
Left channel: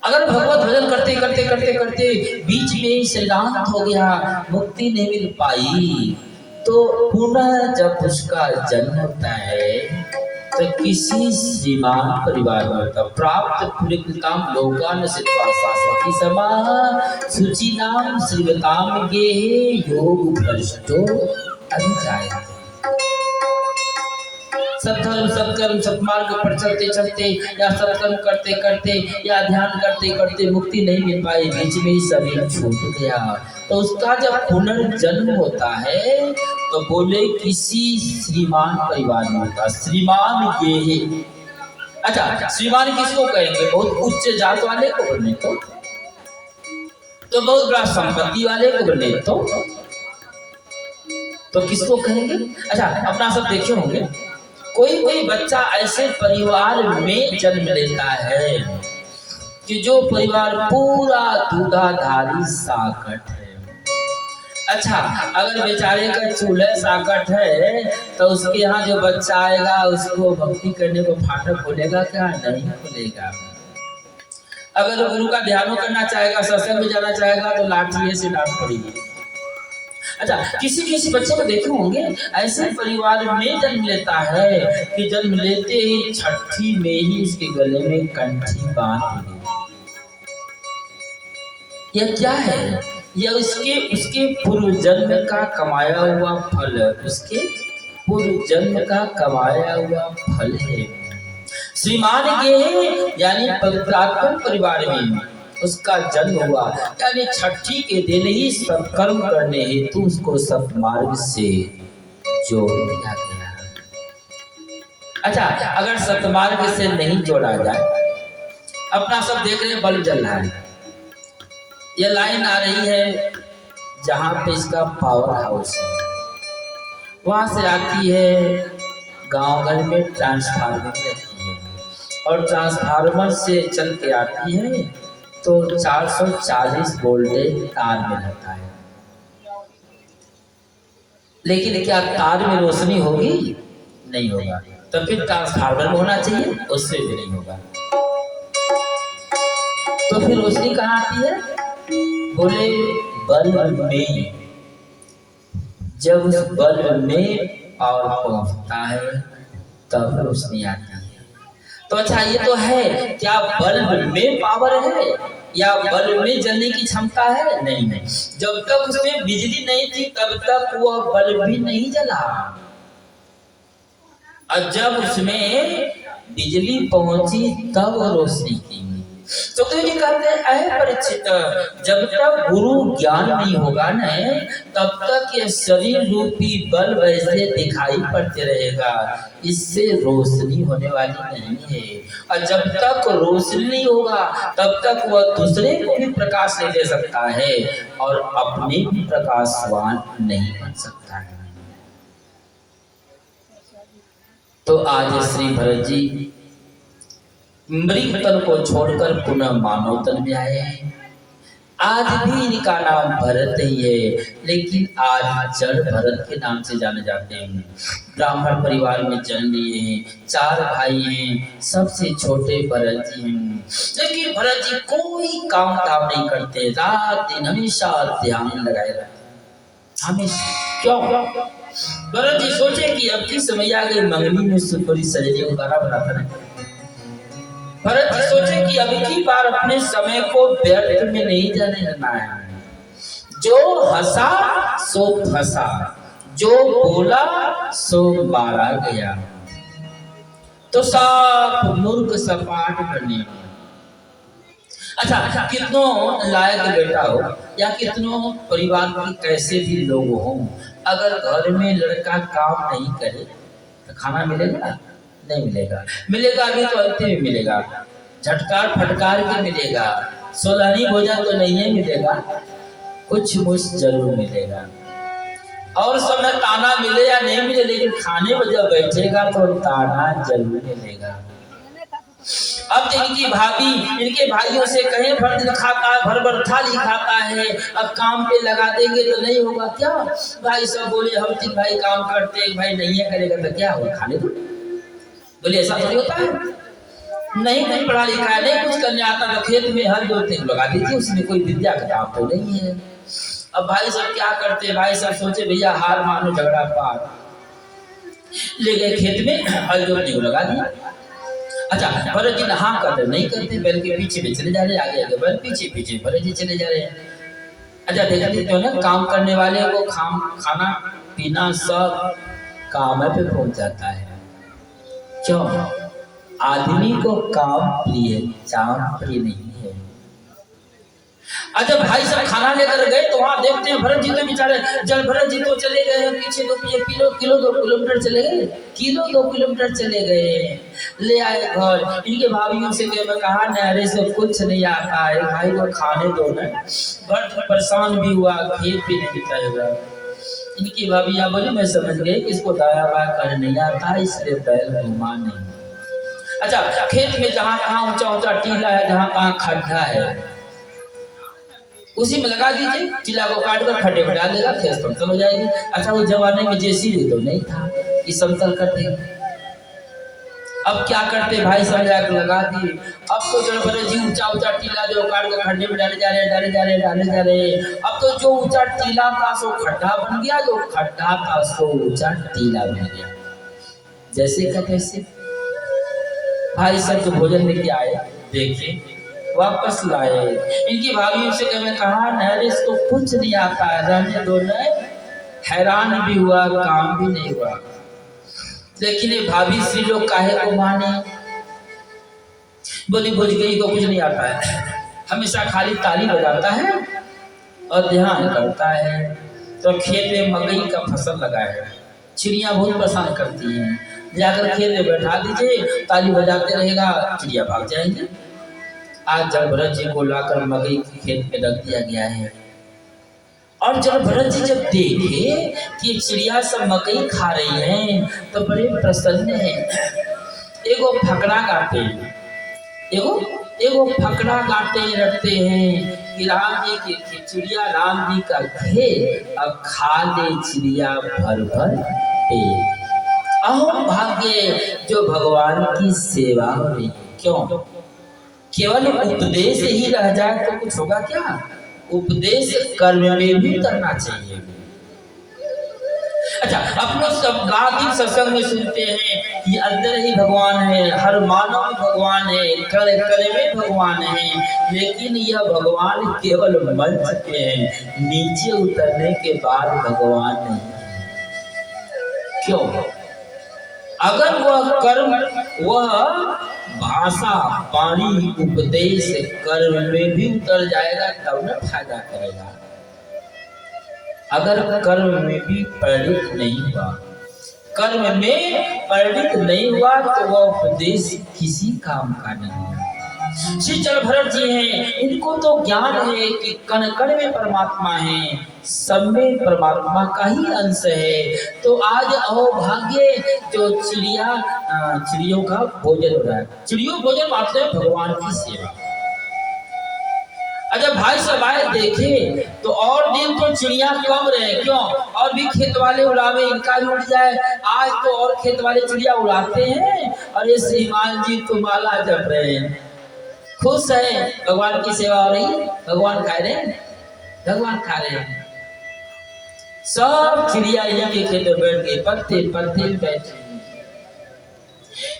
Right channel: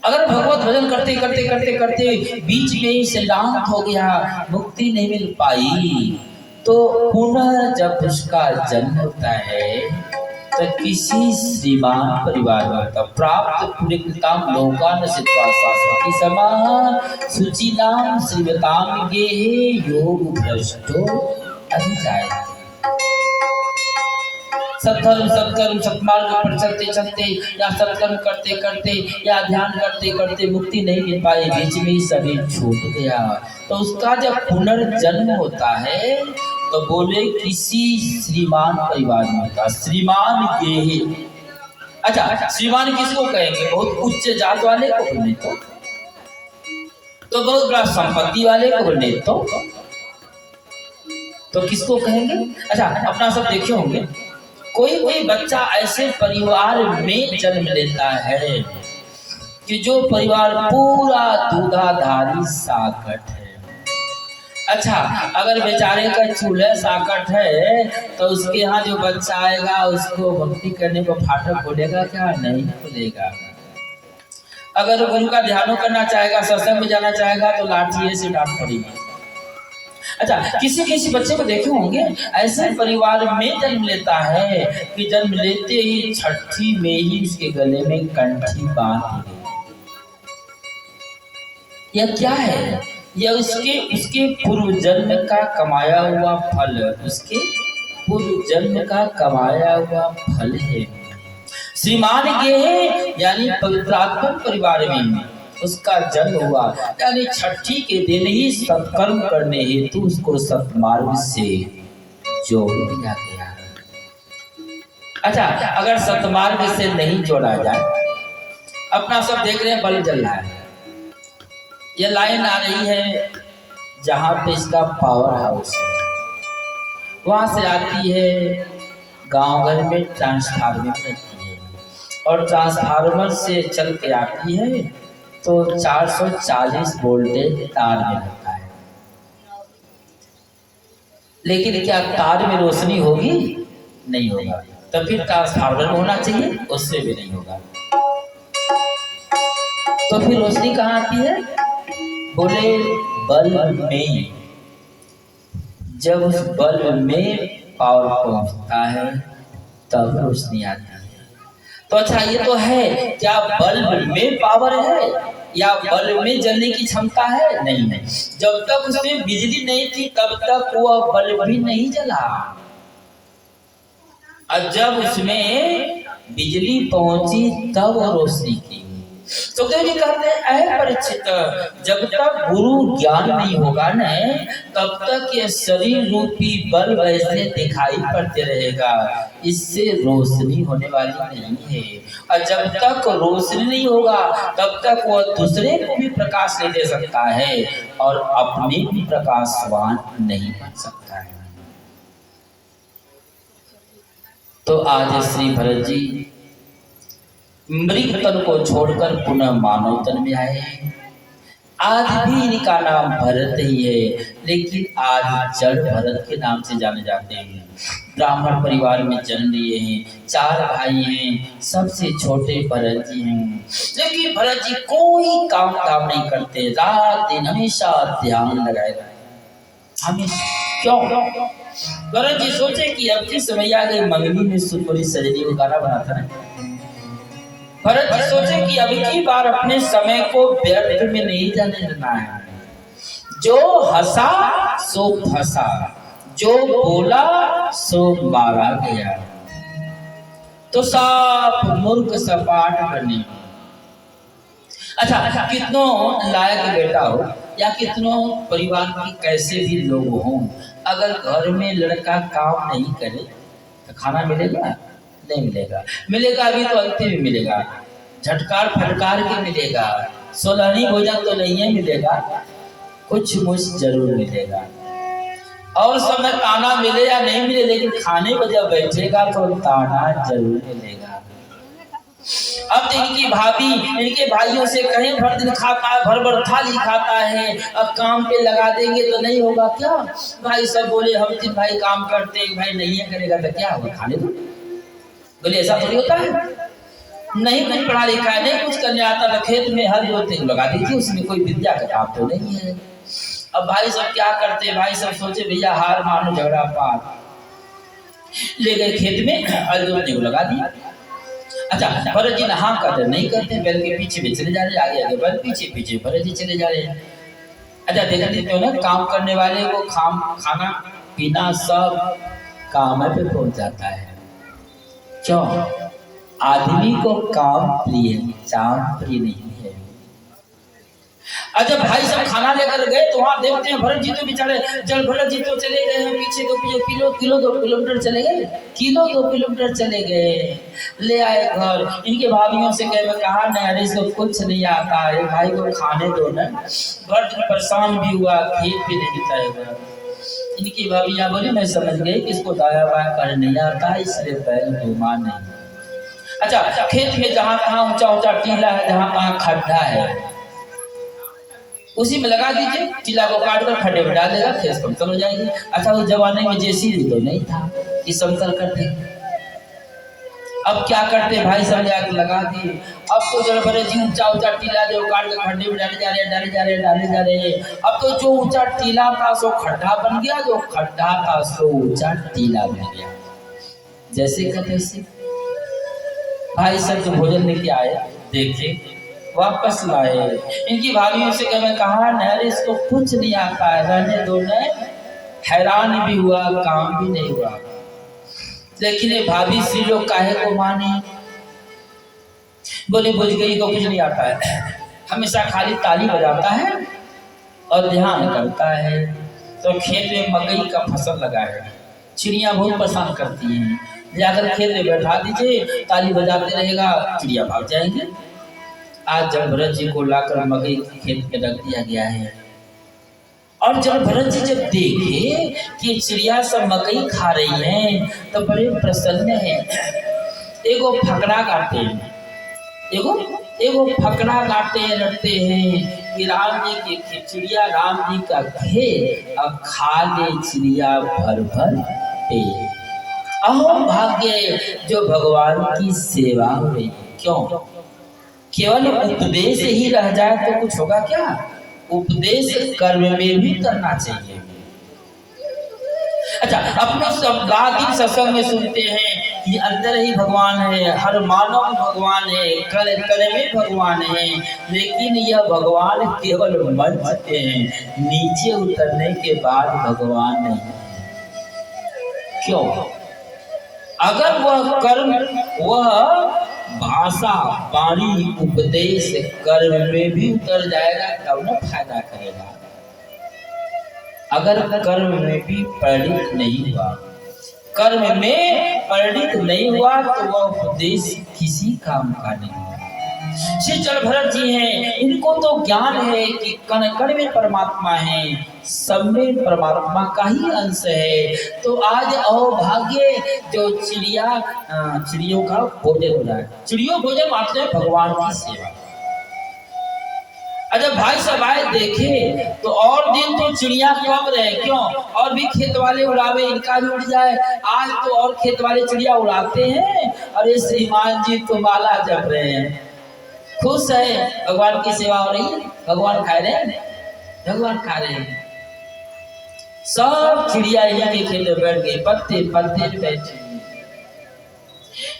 अगर भगवत भजन करते करते करते करते बीच में ही श्रीलांत हो गया, मुक्ति नहीं मिल पाई, तो पुनः जब उसका जन्म होता है तो किसी श्रीमान परिवार में तब प्राप्त पुण्यकृताम लोकान सिद्धाशास्त्री समाह सुचिनाम श्रीवताम गेहे योग भ्रष्टो अभिजायते। सत्कर्म सत्कर्म सत्मार्ग पर चलते चलते या सत्कर्म करते करते या ध्यान करते करते मुक्ति नहीं मिल पाई, बीच में ही शरीर छूट गया, तो उसका जब पुनर्जन्म होता है तो बोले किसी श्रीमान परिवार में होता। श्रीमान ये है। अच्छा, श्रीमान किसको कहेंगे? बहुत उच्च जात वाले को बोले तो बहुत बड़ा संपत्ति वाले को बोले तो किसको कहेंगे? अच्छा, अपना सब देखे होंगे, कोई बच्चा ऐसे परिवार में जन्म लेता है कि जो परिवार पूरा दूधाधारी साकट है। अच्छा, अगर बेचारे का चूल्हा साकट है तो उसके यहाँ जो बच्चा आएगा उसको भक्ति करने को फाटक खोलेगा क्या? नहीं खोलेगा। अगर गुरु का ध्यान करना चाहेगा, सत्संग में जाना चाहेगा तो लाठी से डांट पड़ेगी। अच्छा, किसी किसी बच्चे को देखे होंगे ऐसे परिवार में जन्म लेता है कि जन्म लेते ही छठी में ही उसके गले में कंठी बांध दी गई। यह क्या है? यह उसके पूर्व जन्म का कमाया हुआ फल, उसके पूर्व जन्म का कमाया हुआ फल है। श्रीमान ये है, यानी पवित्रात्मा परिवार में उसका जन्म हुआ, यानी छठी के दिन ही सत्कर्म करने हेतु उसको सत्मार्ग से जोड़ दिया गया। अच्छा, अगर सत्मार्ग से नहीं जोड़ा जाए, अपना सब देख रहे हैं बल्ब जल रहा है, ये लाइन आ रही है जहाँ पे इसका पावर हाउस है, वहां से आती है गांव घर में ट्रांसफार्मर रहती है, और ट्रांसफार्मर से चल के आती है तो 440 वोल्टेज तार में रहता है। लेकिन क्या तार में रोशनी होगी? नहीं होगा। तो फिर ट्रांसफार्मर में होना चाहिए, उससे भी नहीं होगा। तो फिर रोशनी कहाँ आती है? बोले बल्ब में। जब उस बल्ब में पावर पहुंचता है तब रोशनी आती है। तो अच्छा, ये तो है, क्या बल्ब में पावर है या बल्ब में जलने की क्षमता है? नहीं। जब तक उसमें बिजली नहीं थी तब तक वह बल्ब भी नहीं जला, और जब उसमें बिजली पहुंची तब वो रोशनी की। तो जी कहते हैं परीक्षित, जब तक गुरु ज्ञान नहीं होगा न तब तक ये शरीर रूपी बल्ब ऐसे दिखाई पड़ते रहेगा, इससे रोशनी होने वाली नहीं है। और जब तक रोशनी नहीं होगा तब तक वह दूसरे को भी प्रकाश नहीं दे सकता है और अपने भी प्रकाशवान नहीं बन सकता है। तो आज श्री भरत जी मृग तन को छोड़कर पुनः मानव तन में आए हैं। आज भी इनका नाम भरत ही है, लेकिन आज जड़ भरत के नाम से जाने जाते हैं। ब्राह्मण परिवार में जन्म लिए हैं, 4 भाई हैं, सबसे छोटे भरत जी हैं। लेकिन भरत जी कोई काम धाम नहीं करते, रात दिन हमेशा ध्यान लगाए रहते। हमेशा क्यों? भरत जी सोचे कि अब की समय आ गई, मंगनी में सुनबरी सजनी को गाना बनाता है। भरत जी सोचे कि अब की बार अपने समय को व्यर्थ में नहीं जाने देना है। जो हंसा सो फंसा, जो बोला सो मारा गया। तो साफ मूर्ख सपाट बने। अच्छा, कितनों लायक बेटा हो या कितनों परिवार के कैसे भी लोग हों, अगर घर में लड़का काम नहीं करे तो खाना मिलेगा? नहीं मिलेगा। मिलेगा भी तो अंत में मिलेगा। झटकार फटकार के मिलेगा, सोलहनी भोजन तो नहीं है मिलेगा, कुछ मुझ जरूर मिलेगा। और समय ताना मिले या नहीं मिले, लेकिन खाने पर जब बैठेगा तो ताना जरूर मिलेगा। अब इनकी भाभी इनके भाइयों से कहें भर दिन खाता है, भर भर थाली खाता है, अब काम पे लगा देंगे तो नहीं होगा क्या? भाई सब बोले हम तीन भाई काम करते, एक भाई नहीं है करेगा तो क्या होगा, खाने दो। बोले ऐसा थोड़ी होता है, नहीं पढ़ा लिखा है, नहीं कुछ करने आता, तो खेत में हल जोतते लगा दीजिए, उसमें कोई विद्या का काम तो नहीं है। अब भाई सब क्या करते, भाई सब सोचे भैया हार मानो झगड़ा पार, ले गए खेत में हल जोतने को लगा दिया। अच्छा, भरत जी हाँ करते नहीं करते, बैल के पीछे भी चले जा रहे, आगे आगे बैल, पीछे पीछे भरत जी चले जा रहे हैं। अच्छा देखते तो ना, काम करने वाले को खाना पीना सब काम पे पहुंच जाता है। क्यों? आदमी को काम प्रिय, चाम प्रिय नहीं है। अच्छा भाई सब खाना लेकर गए तो वहां देखते हैं भरत जी तो बेचारे, जब भरत जी तो चले गए हैं पीछे, तो किलो 2 किलोमीटर चले गए, किलो 2 किलोमीटर चले गए, ले आए घर। इनके भाभीियों से कहे, मैं कहा न अरे सब कुछ नहीं आता है, भाई को खाने दो ना। भरत परेशान भी हुआ, खेत भी नहीं बिताएगा। इनकी भाभीियां बोली मैं समझ गई कि इसको दाया बाया कर नहीं आता, इसलिए बैल घुमा नहीं। अच्छा खेत में जहाँ तहाँ ऊंचा ऊंचा टीला है, जहाँ तहाँ खड्डा है, उसी में लगा दीजिए, टीला को काट कर खड्डे में डाल देगा, खेत समतल हो जाएगी। अच्छा उस जमाने में जेसीबी तो नहीं था कि समतल करते, अब क्या करते भाई सब जाकर लगा दिए। अब तो जड़ भरे जी ऊंचा ऊंचा टीला जो काट कर खड्डे में डाले जा रहे। अब तो जो ऊंचा टीला था सो खड्डा बन गया, जो खड्डा था सो ऊंचा टीला बन गया। जैसे का तैसे भाई सब जो भोजन लेके आए, देखे वापस लाए। इनकी भाभीयों से मैं कहा न इसको कुछ नहीं आता है, रहने दो न। हैरान भी हुआ, काम भी नहीं हुआ। लेकिन ये भाभी सी लोग काहे को माने, बोली बुझ गई को कुछ नहीं आता है, हमेशा खाली ताली बजाता है और ध्यान करता है। तो खेत में मकई का फसल लगा है, चिड़िया बहुत परेशान करती हैं, जाकर खेत में बैठा दीजिए, ताली बजाते रहेगा, चिड़िया भाग जाएंगे। आज जब भरत जी को लाकर मकई के खेत में रख दिया गया है, और जब भरत जी जब देखे कि चिड़िया सब मकई खा रही हैं तो बड़े प्रसन्न हैं। एगो फकड़ा गाते हैं, एगो फकड़ा गाते रखते हैं कि राम जी की चिड़िया राम जी का खेत, अब खा ले चिड़िया भर भर पेट। अहो भाग्य जो भगवान की सेवा हो रही है। क्यों? केवल उपदेश ही रह जाए तो कुछ होगा क्या? उपदेश कर्म में भी करना चाहिए। अच्छा अपने सब गादी सत्संग में सुनते हैं कि अंदर ही भगवान है, हर मानव भगवान है, कल कल में भगवान है, लेकिन यह भगवान केवल मंच पे हैं, नीचे उतरने के बाद भगवान नहीं है। क्यों? अगर वह कर्म, वह भाषा, वाणी, उपदेश कर्म में भी उतर जाएगा तब न फायदा करेगा। अगर कर्म में भी परिणित नहीं हुआ, कर्म में परिणित नहीं हुआ तो वह उपदेश किसी काम का नहीं है। श्री चल भरत जी हैं, इनको तो ज्ञान है कि कण कण में परमात्मा है, सब में परमात्मा का ही अंश है। तो आज अहोभाग्य जो चिड़ियों का भोजन हो रहा है, चिड़ियों भोजन मात्र है भगवान की सेवा। अच्छा भाई सब आए देखे तो और दिन तो चिड़िया कम रहे, क्यों? और भी खेत वाले उड़ावे, इनका भी उड़ जाए। आज तो और खेत वाले चिड़िया उड़ाते हैं, और ये श्रीमान जी तो माला जप रहे हैं, खुश है, भगवान की सेवा हो रही है, भगवान खा रहे हैं, भगवान खा रहे हैं। सब चिड़िया इनके खेत में बैठ गई, पत्ते पत्ते बैठे।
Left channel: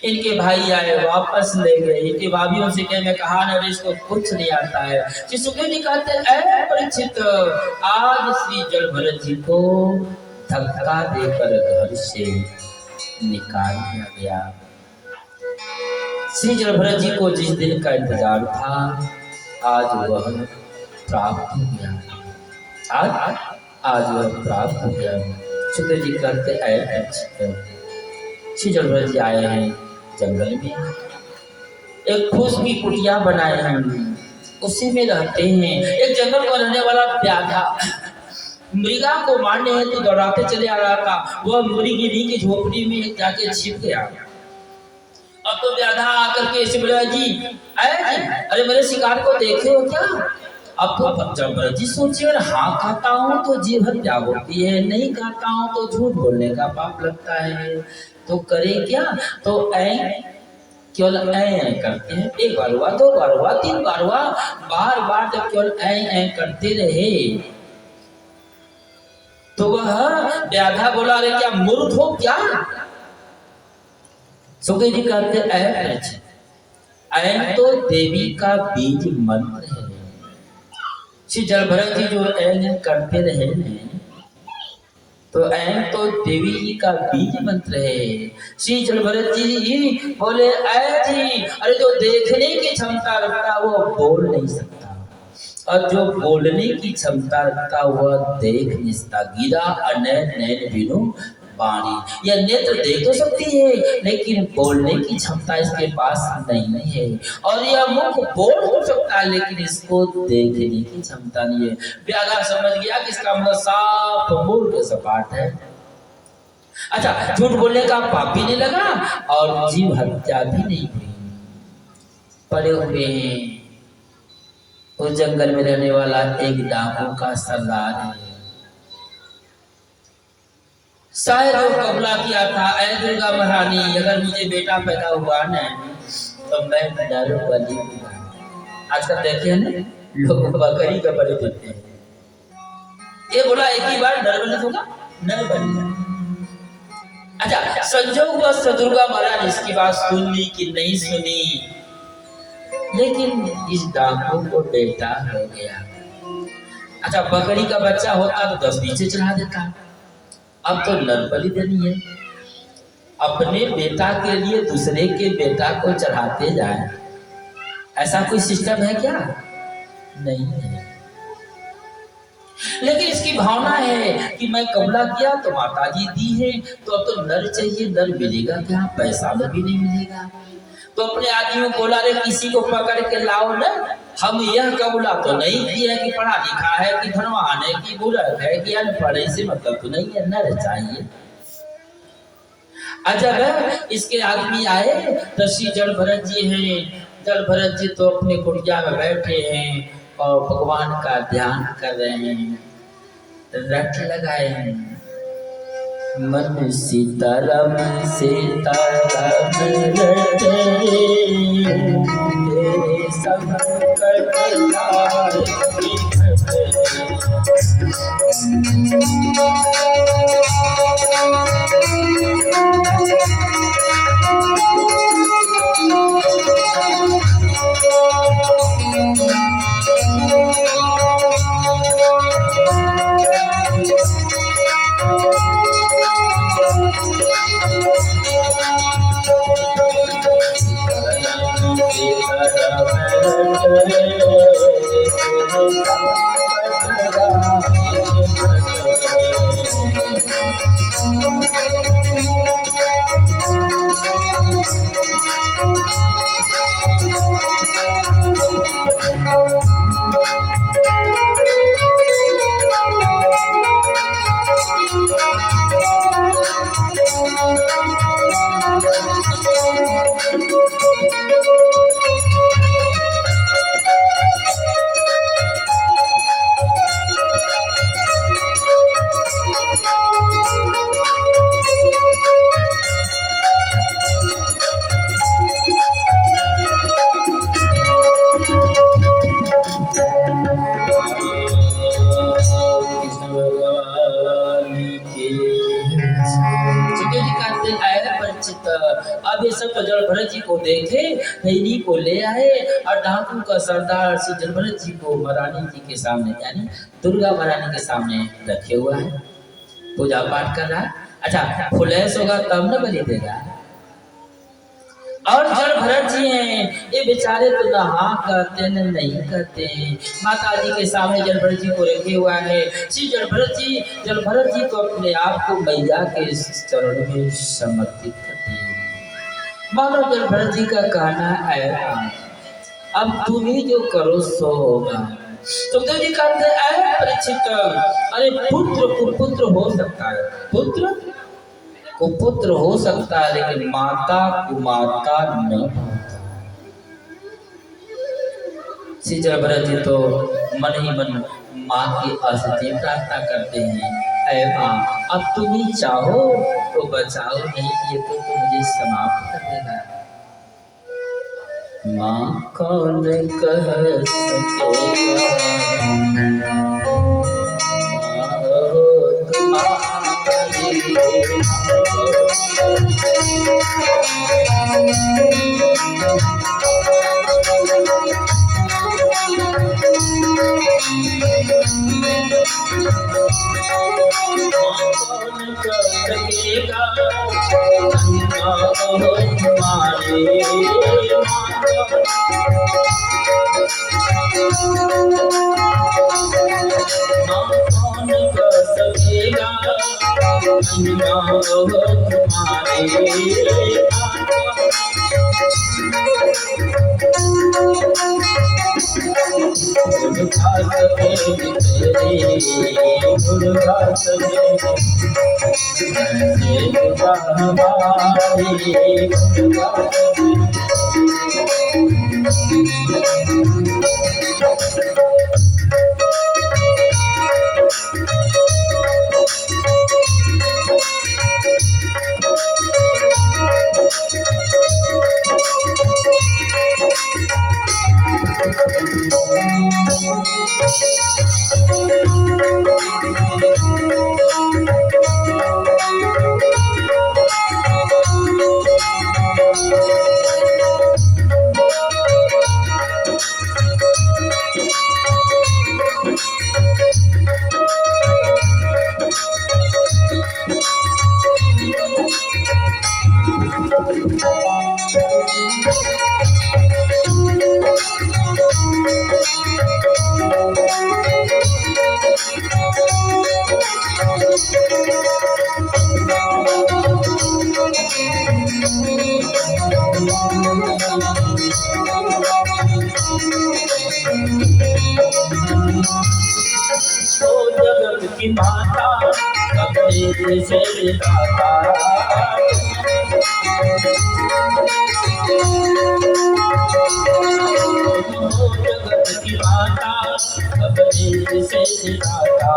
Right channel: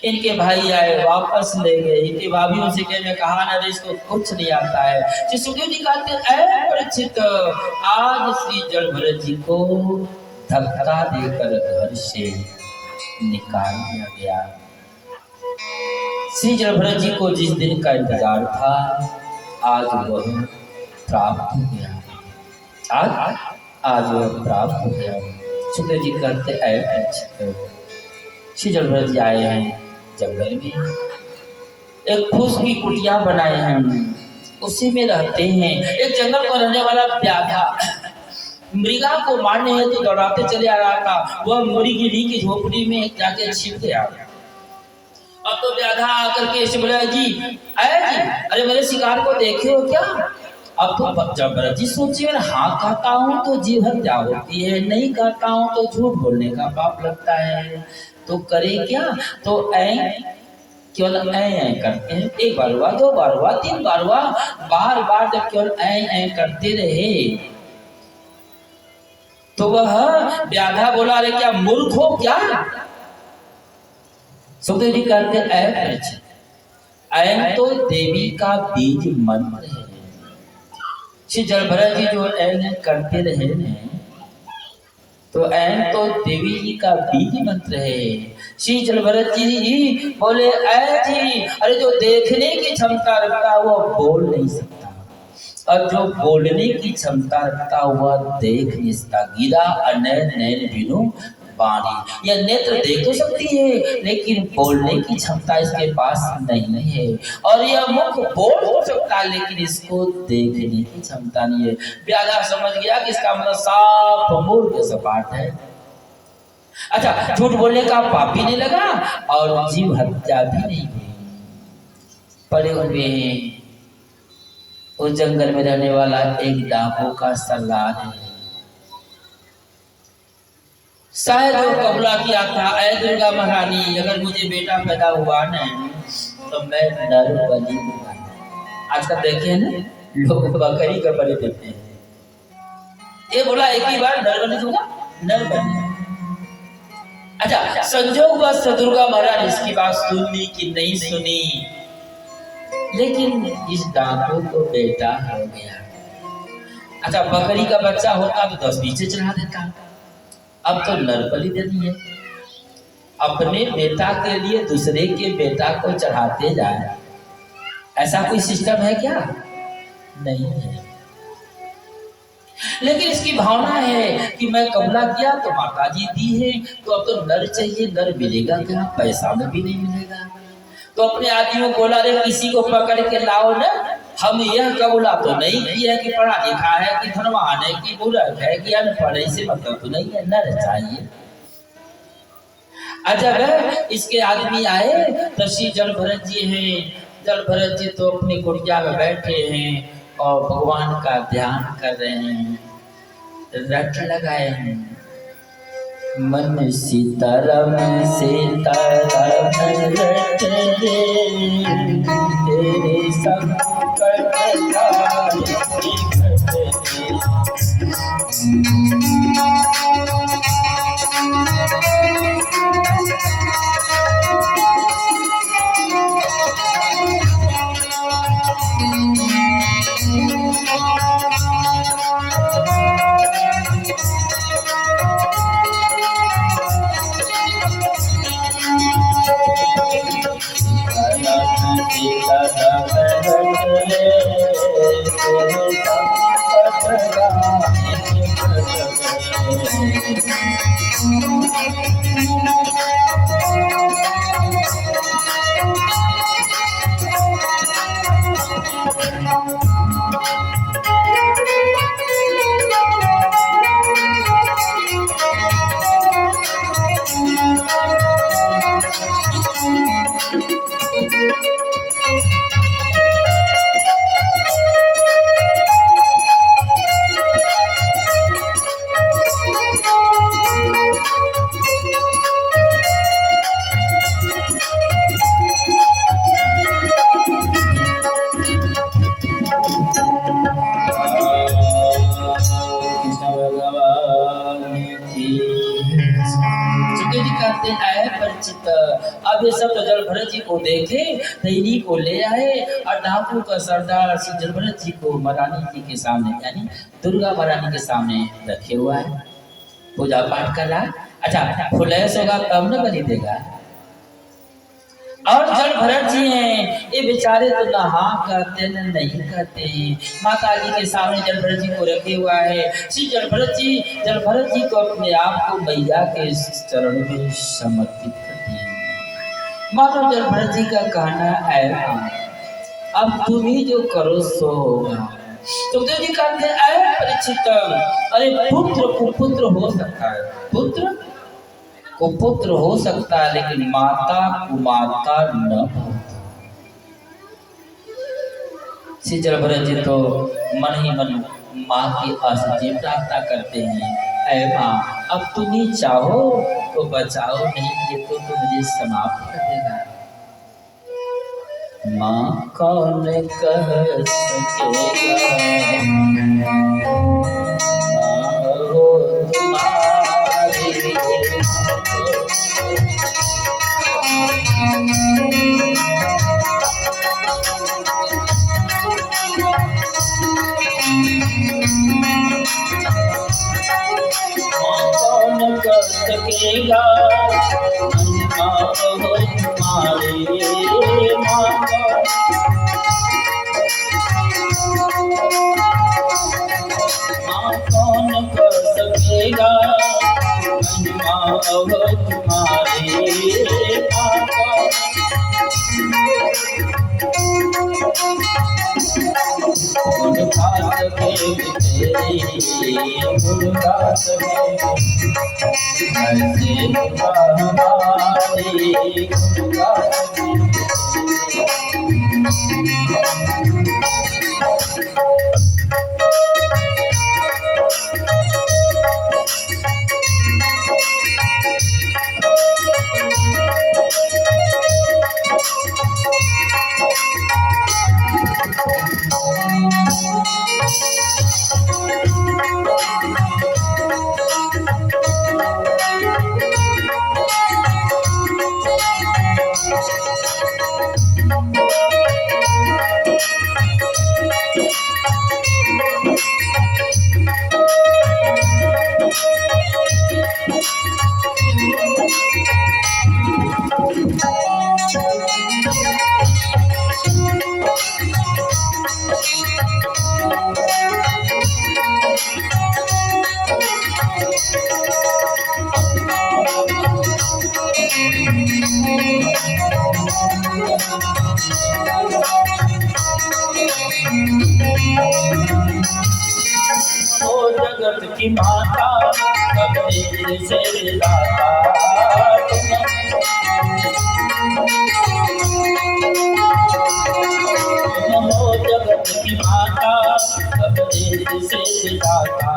इनके भाई आए, वापस ले गए। इनके भाभीयों से कहने कहा ना इसको कुछ नहीं आता है। श्री सुखदेव जी कहते हैं परीक्षित, आज श्री जड़ भरत जी को धक्का देकर घर से निकाल दिया गया। श्री जड़ भरत जी को जिस दिन का इंतजार था आज वह प्राप्त हो गया, आज वह प्राप्त हो गया। सुखदेव जी कहते हैं श्री जड़ भरत जी आए हैं जंगल में, एक फूस की कुटिया बनाए हैं, उसी में रहते हैं। एक जंगल में रहने वाला व्याधा मृगा को मारने हेतु तो दौड़ाते चले आ रहा था। वह मृगिनी की झोपड़ी में जाके छिप गया। अब तो व्याधा आकर के ऐसे बोला, जी आया जी, अरे मेरे शिकार को देखे हो क्या? अब तो जबरदस्ती जी सोचिए, हाँ कहता हूँ तो जीव हत्या होती है, नहीं कहता हूँ तो झूठ बोलने का पाप लगता है, तो करे क्या? तो केवल ऐ करते हैं। एक बार हुआ, दो बार हुआ, तीन बार हुआ, बार बार जब केवल ऐ करते रहे तो वह व्याधा बोला, अरे क्या मूर्ख हो क्या? सुखदेव जी कहते ऐ तो देवी का बीज मंत्र है। श्री जलभरत जी जो ऐ करते रहे ने, तो ऐ तो देवी जी का बीज मंत्र है। श्री जलभरत जी बोले, ऐ जी, अरे जो देखने की क्षमता रखता वो बोल नहीं सकता, और जो बोलने की क्षमता रखता हुआ देख नहीं सकता। गिरा अनैन नैन बिनु वाणी, यह नेत्र देख तो सकती है लेकिन बोलने की क्षमता इसके पास नहीं है, और यह मुख बोल तो सकता है लेकिन इसको देखने की क्षमता नहीं है। व्याधा समझ गया कि इसका मतलब साफ मूर्ख सपाट है। अच्छा, झूठ बोलने का पाप भी नहीं लगा और जीव हत्या भी नहीं हुई। पड़े हुए हैं उस जंगल में रहने वाला एक डाकू का सरदार है। शायद वो कबूला किया था, ऐ दुर्गा महारानी, अगर मुझे बेटा पैदा हुआ न तो मैं नर बलि दूंगा। आजकल देखे ना लोग बकरी का बलि देते हैं, ये बोला एक ही बार नर बलि दूंगा, नर बलि। अच्छा, संजोग बस दुर्गा महाराज इसकी बात सुनी कि नहीं सुनी, लेकिन इस डाकू को बेटा हो गया। अच्छा, बकरी का बच्चा होता तो 10 पीछे चढ़ा देता, अब तो नर बलि देनी है। अपने बेटा के लिए दूसरे के बेटा को चढ़ाते जाए, ऐसा कोई सिस्टम है क्या? नहीं है। लेकिन इसकी भावना है कि मैं कबूला किया तो माता जी दी है, तो अब तो नर चाहिए, नर मिलेगा क्या? पैसा में भी नहीं मिलेगा। तो अपने आदमियों को बोला, रे किसी को पकड़ के लाओ न, हम यह कबूला तो नहीं किया कि पढ़ा लिखा है कि धनवान है कि बुर्बक है कि अनपढ़ है, से मतलब तो नहीं है, नर चाहिए। जब इसके आदमी आए तो श्री जलभरत जी हैं, जलभरत जी तो अपनी कुटिया में बैठे हैं और भगवान का ध्यान कर रहे हैं, रट लगाए हैं, मन सीताराम सीताराम रट रे, तेरे संकट हारे अब ये सब तो जलभरत जी को देखे, नैनी को ले आए और डाकू का सरदार श्री जलभरत जी को महारानी जी के सामने, यानी दुर्गा महारानी के सामने रखे हुआ है, पूजा पाठ कर रहा है। अच्छा, फुलेस होगा तब न बलि देगा। और जलभरत जी हैं, ये बेचारे तो ना हाँ कहते न नहीं कहते हैं। माता जी के सामने जलभरत जी को रखे हुआ है। श्री जलभरत जी तो अपने आप को मैया के चरण में समर्पित करते हैं। मानो जब भरत जी का कहना है अब तुम ही जो करो सो होगा। सुखदेव जी कहते हैं परीक्षित, अरे पुत्र कुपुत्र हो सकता है, पुत्र कुपुत्र हो सकता है, लेकिन माता कुमाता न। श्री भरत जी तो मन ही मन माँ की आशीष प्रार्थना करते हैं, ऐ माँ अब तुम ही चाहो तो बचाओ, नहीं ये तो मुझे समाप्त कर देगा। माँ कौन कह सकेगा माँ हो तुम्हारी, कौन कर सकेगा माँ हो तुम्हारे, माँ कौन कर सकेगा माँ हो तुम्हारे, मुर्गा सके तेरे मुर्गा सके ऐसे हमारे मुर्गा जगत की माता कबीर से दाता, तुम हो जगत की माता कबीर से दाता,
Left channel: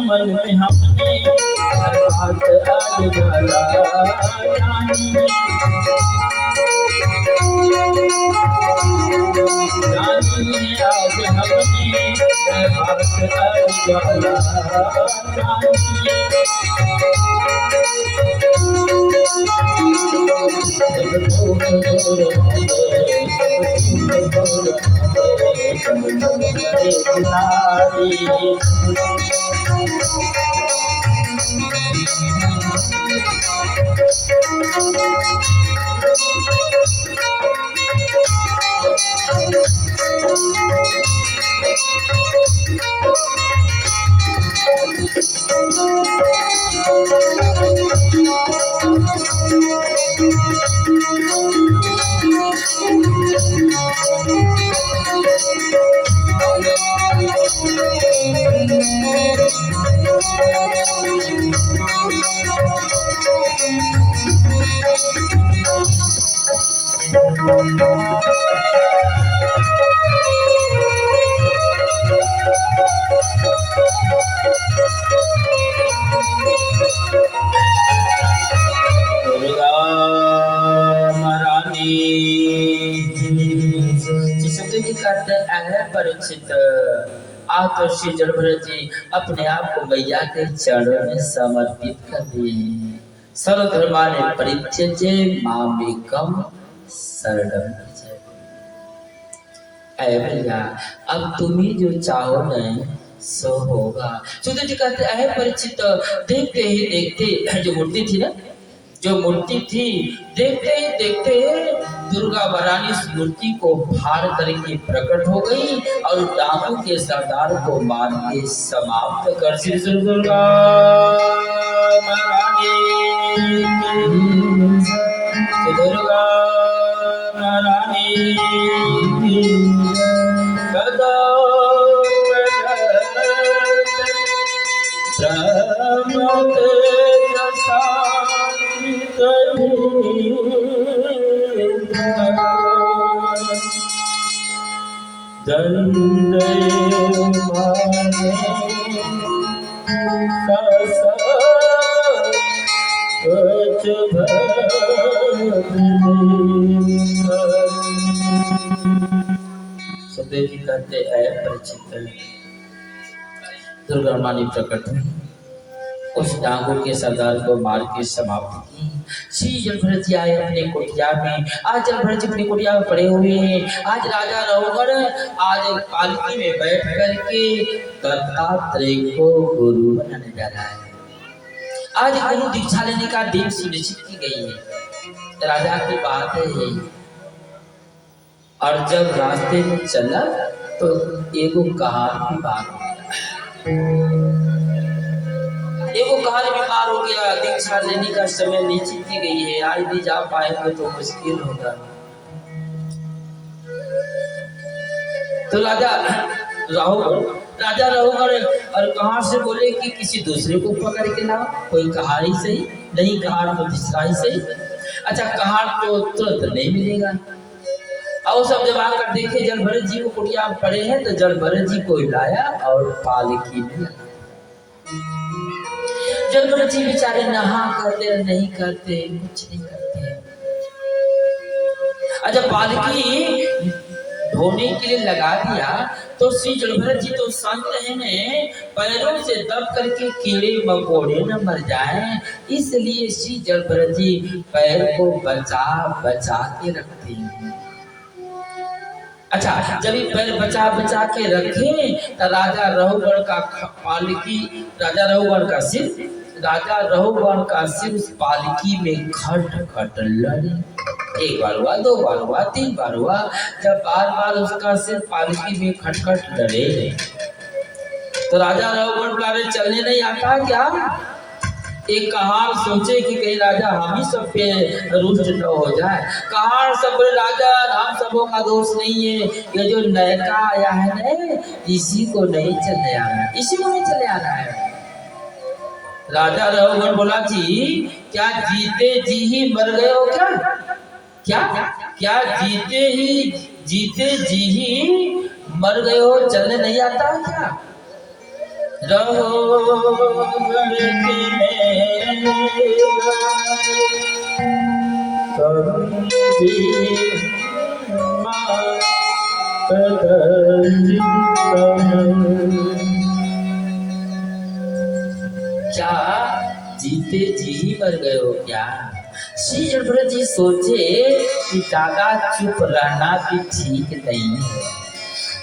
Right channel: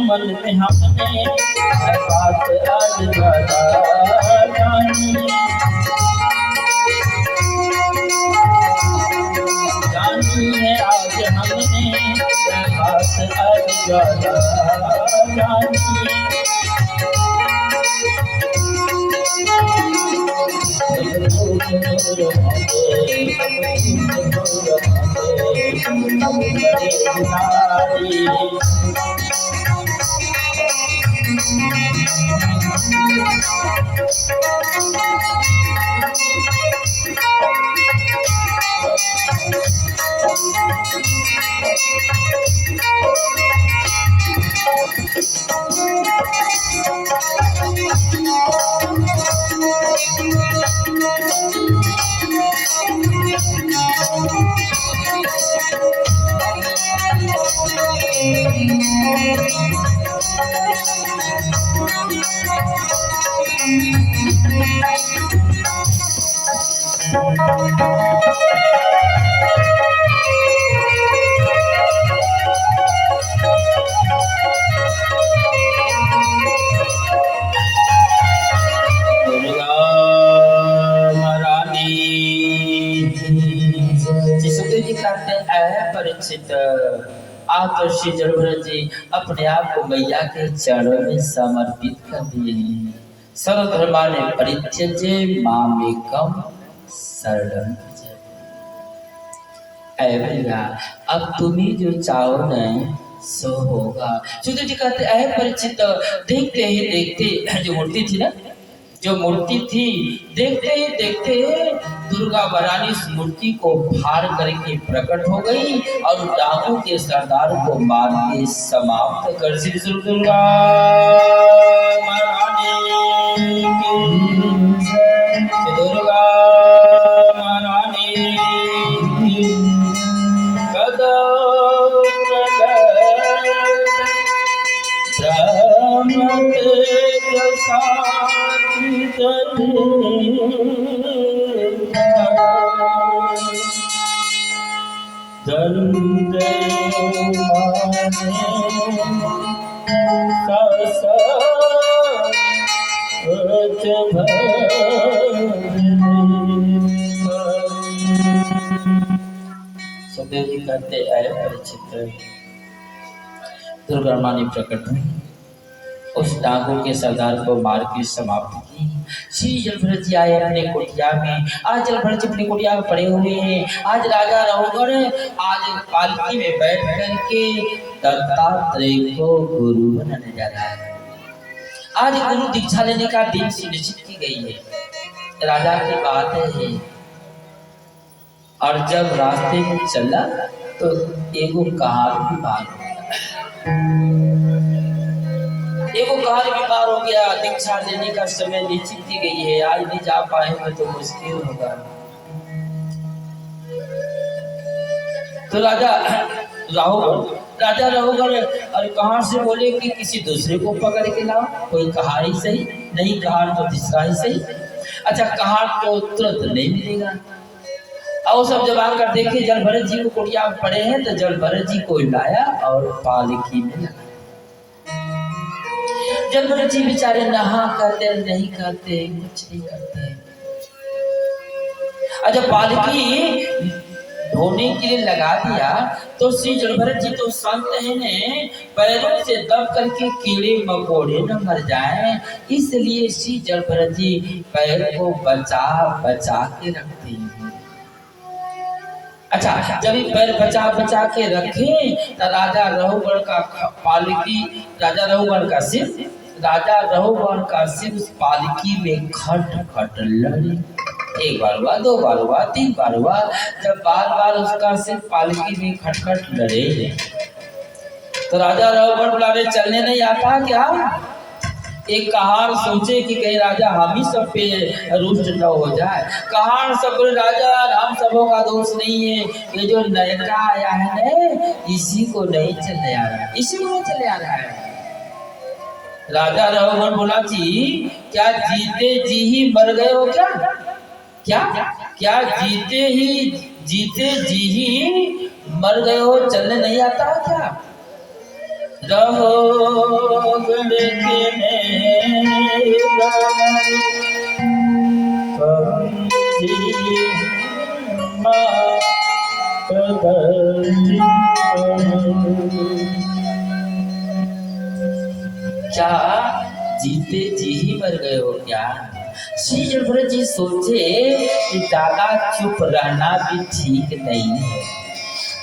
मन में हमने बात आज गला जानी है, आज हमने बात आज गला जानी दुर्गा महारानी सुखदेव जी कहते हैं परीक्षित आप तो श्री जड़भरत जी अपने आप को मैया के चरणों में समर्पित कर दिए हैं। सर्वधर्माने परित्यज्य मामेकम शरणं व्रज। ऐ भैया अब तुम्हें जो चाहो न सो होगा। सुखदेव जी कहते हैं परीक्षित देखते ही देखते जो मूर्ति थी ना, जो मूर्ति थी देखते ही देखते दुर्गा महारानी उस मूर्ति को फाड़ करके प्रकट हो गई और डाकू के सरदार को मार के समाप्त कर दी। दुर्गा महारानी की दुर्गा महारानी कदा सुखदेव जी कहते ऐ परिचित दुर्गा रानी प्रकट हुई, उस डाकू के सरदार को मार के समाप्त की। श्री जलभरत जी आए अपने कुटिया में। आज जलभरत जी अपनी कुटिया में पड़े हुए हैं। आज राजा रघुवर आज पालकी में बैठ करके दत्तात्रेय को गुरु बनाने जा रहा है। आज गुरु दीक्षा लेने का दिन सुनिश्चित की गई है। राजा की बात है और जब रास्ते में चला तो एगो कहार बीमार हो गया। एगो कहार बीमार हो गया। दीक्षा लेने का समय निश्चित की गई है, आज नहीं जा पाएंगे तो मुश्किल होगा। तो राजा रघुवर और कहार से बोले कि किसी दूसरे को पकड़ के लाओ, कोई कहार ही सही, नहीं कहार तो तीसरा ही सही। अच्छा कहार तो तुरंत नहीं मिलेगा। और सब जब आकर देखे जलभरत जी को कुटिया में पड़े हैं तो जलभरत जी को लाया और पालकी में लगा। जलभरत जी बेचारे नहा करते नहीं करते, कुछ नहीं करते। अच्छा पालकी धोने के लिए लगा दिया तो श्री जलभरत जी तो संत है ने पैरों से दब करके कीड़े मकोड़े न मर जाएं, इसलिए श्री जलभरत जी पैर को बचा बचा के रखते हैं। अच्छा जब ये पैर बचा बचा के रखे तो राजा रघुवर का पालकी, राजा रघुवर का सिर उस पालकी में खट खट लड़े। एक बार हुआ, दो बार हुआ, तीन बार हुआ। जब बार बार उसका सिर पालकी में खटखट लड़े तो राजा रघुवर बुला रहे, चलने नहीं आता क्या? एक कहार सोचे कि कहीं राजा हम ही सब पे रुष्ट न हो जाए। कहार सब बोले राजा हम सबों का दोष नहीं है, ये जो नयका आया है ना इसी को नहीं चलने आ रहा है, इसी को नहीं चले आ रहा है। राजा रघुवर बोला जी क्या जीते जी ही मर गए हो क्या? क्या जीते जी ही मर गए हो, चलने नहीं आता क्या? रघुवर के क्या जीते जी ही मर गए हो क्या? श्री जलभरत जी सोचे कि ज्यादा चुप रहना भी ठीक नहीं है।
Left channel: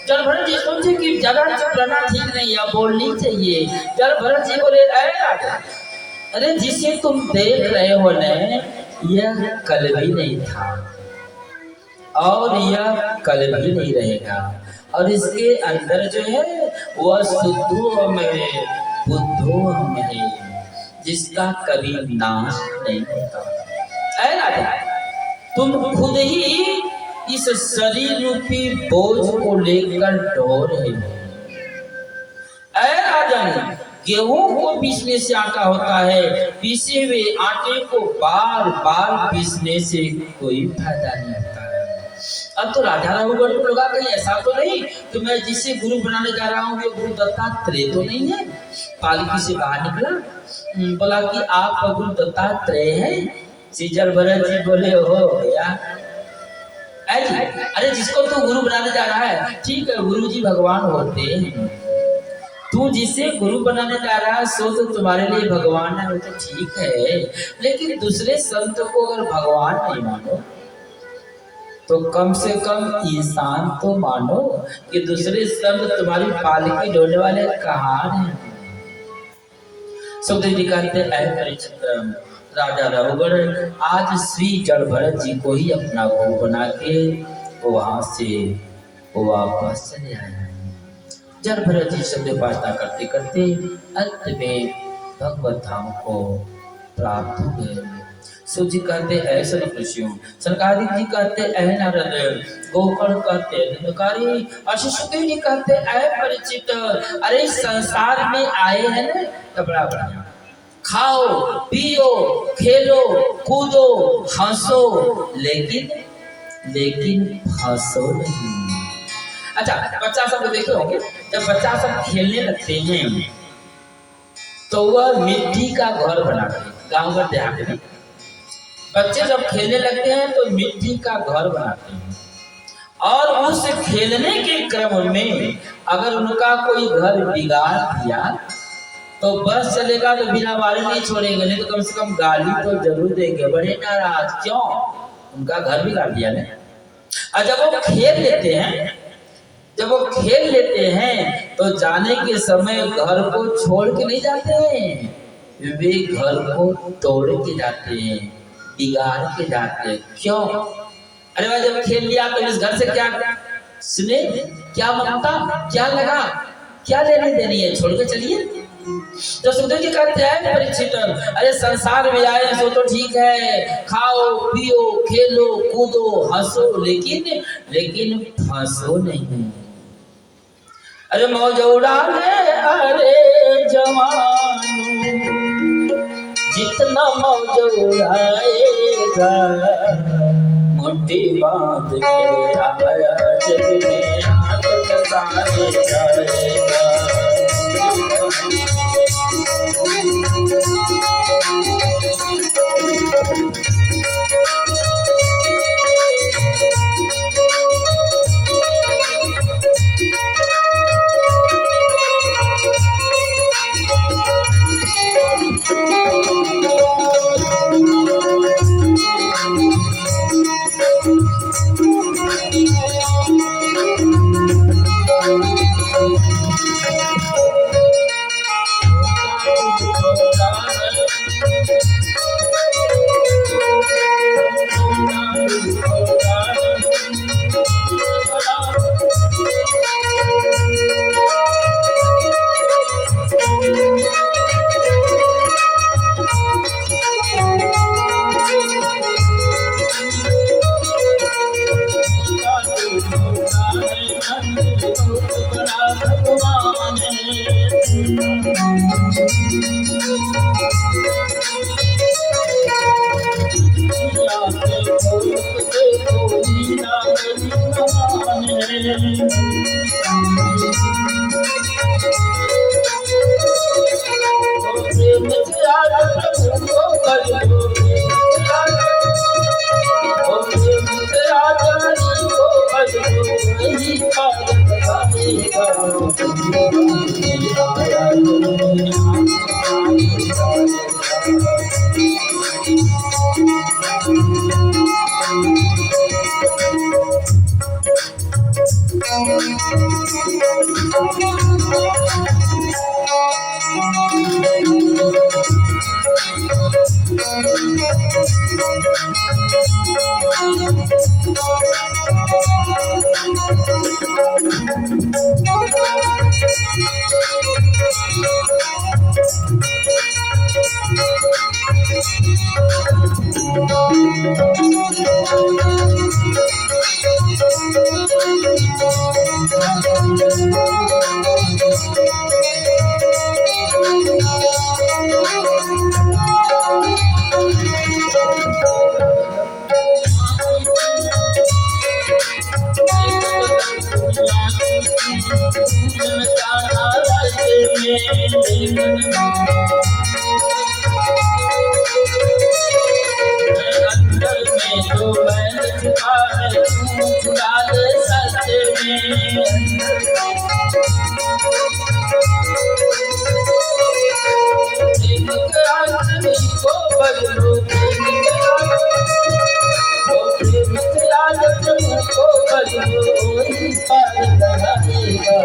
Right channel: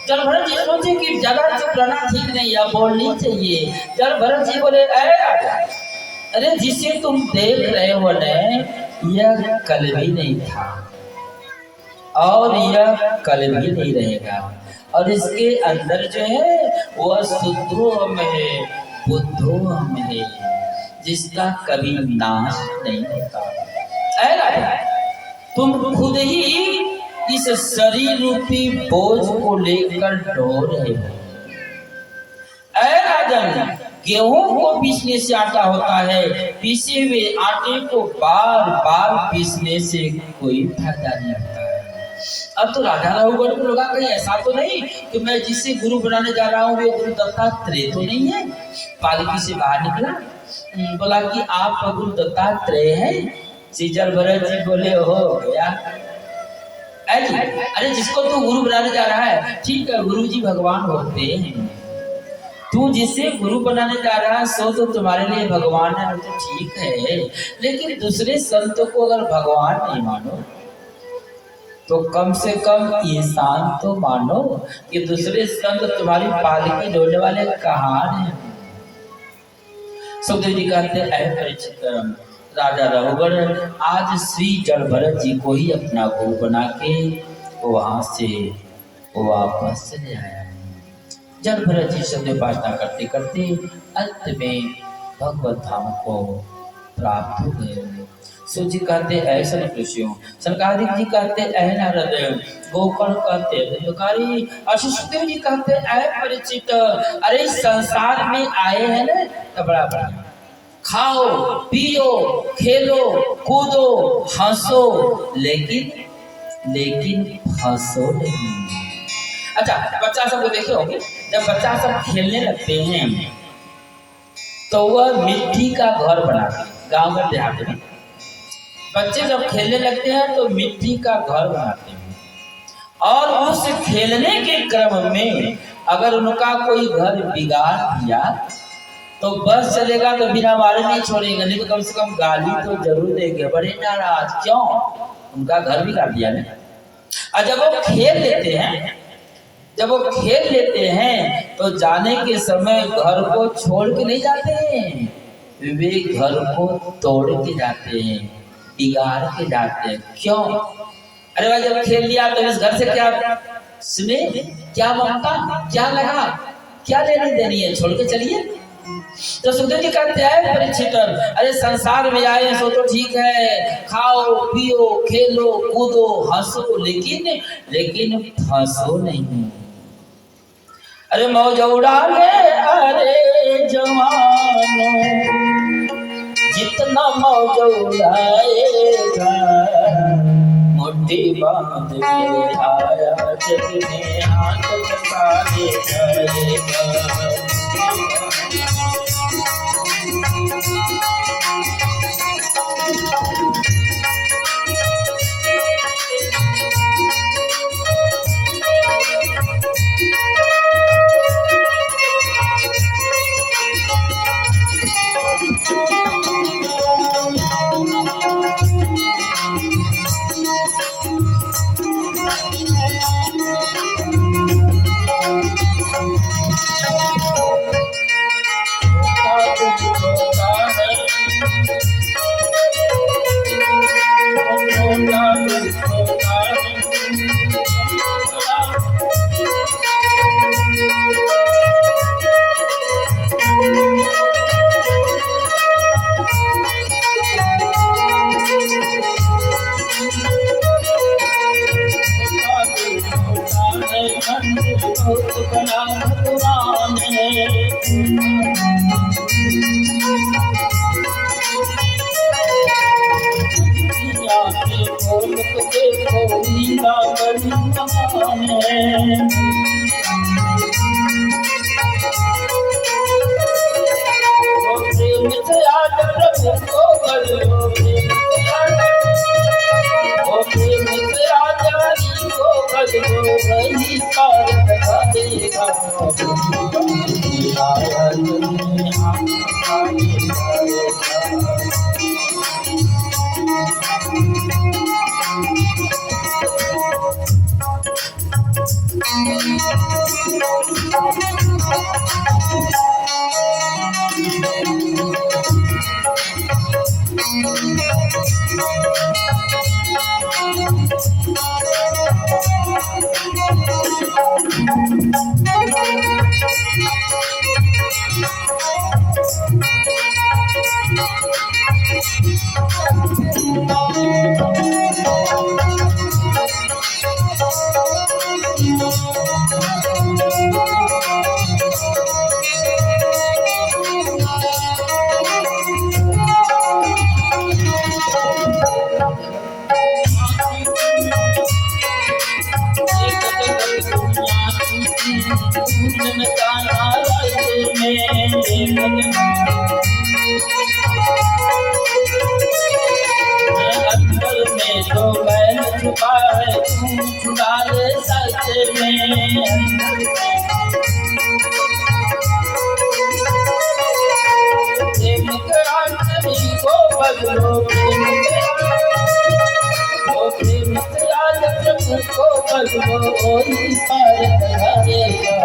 जलभरत जी सोचे कि ज्यादा चुप रहना ठीक नहीं है, बोलनी चाहिए। जलभरत जी बोले अरे राजा, अरे जिसे तुम देख रहे हो न यह कल भी नहीं था और यह कल भी नहीं रहेगा, और इसके अंदर जो है वह शुद्धो में है, बुद्धो में है, जिसका कभी नाश नहीं होता। ऐ राजा तुम खुद ही इस शरीर रूपी बोझ को लेकर ढो रहे हो। ऐ राजा राजन, गेहूं को पीसने से आटा होता है, पीसे हुए आटे को बार बार पीसने से कोई फायदा नहीं होता है। अब तो राजा रघुगढ़ को लगा कहीं ऐसा तो नहीं कि मैं जिसे गुरु बनाने जा रहा हूँ वे गुरु दत्तात्रेय तो नहीं है। पालकी से बाहर निकला, बोला कि आप गुरु दत्तात्रेय हैं? सीजर भरत जी बोले हो या अरे जिसको तू गुरु बनाने जा रहा है, ठीक है गुरु जी भगवान होते हैं, तू जिसे गुरु बनाने जा रहा है सो तो तुम्हारे लिए भगवान है, वो तो ठीक है, लेकिन दूसरे संत को अगर भगवान नहीं मानो तो कम से कम इंसान तो मानो कि दूसरे संत तुम्हारी पालकी ढोने वाले कहाँ हैं। सुखदेव जी कहते हैं परीक्षित, राजा रघुगढ़ आज श्री जड़ भरत जी को ही अपना गुरु बना के वहां से वापस चले आया। जड़ भरत जी शब्द उपासना करते करते अंत में भगवत धाम को प्राप्त हो गए। सूत जी कहते ऐसा ऋषियों, सनकादिक जी कहते ऐ नारद, गोकर्ण कहते धनुकारी, सुखदेव जी कहते ऐ परिचित, अरे इस संसार में आए हैं ना तो बड़ा बढ़िया, खाओ पियो खेलो कूदो हंसो, लेकिन फंसो नहीं। अच्छा, बच्चा सब को देखे होंगे, जब बच्चा सब खेलने लगते हैं तो वह मिट्टी का घर बनाते हैं। गांव में देहात में बच्चे जब खेलने लगते हैं तो मिट्टी का घर बनाते हैं, और उस खेलने के क्रम में अगर उनका कोई घर बिगाड़ दिया तो बस चलेगा तो बिना मारे नहीं छोड़ेगा, नहीं तो कम से कम गाली तो जरूर देंगे, बड़े नाराज क्यों, उनका घर बिगाड़ दिया ना। और जब वो खेल लेते हैं तो जाने के समय घर को छोड़ के नहीं जाते हैं, वे घर को तोड़ के जाते हैं, बिगाड़ के जाते हैं। क्यों? अरे भाई जब खेल लिया तो इस घर से क्या सुने, क्या ममता, क्या लगा, क्या लेनी देनी है, छोड़ के चलिए। तो सुखदेव जी कहते हैं परीक्षित, अरे संसार में आए सो तो ठीक है, खाओ पियो खेलो कूदो हंसो, लेकिन फंसो नहीं। अरे मौज उड़ा ले अरे जवानो, जितना मौज उड़ाएगा, मुट्ठी बांध के आया जग में हाथ बसाने जाएगा। अंदर में जो बैल छुपा है तू डाल सच में। प्रेम करा सभी को बदलो, प्रेम करा वो प्रेम करा तुमको बदलो, कोई पार लगाएगा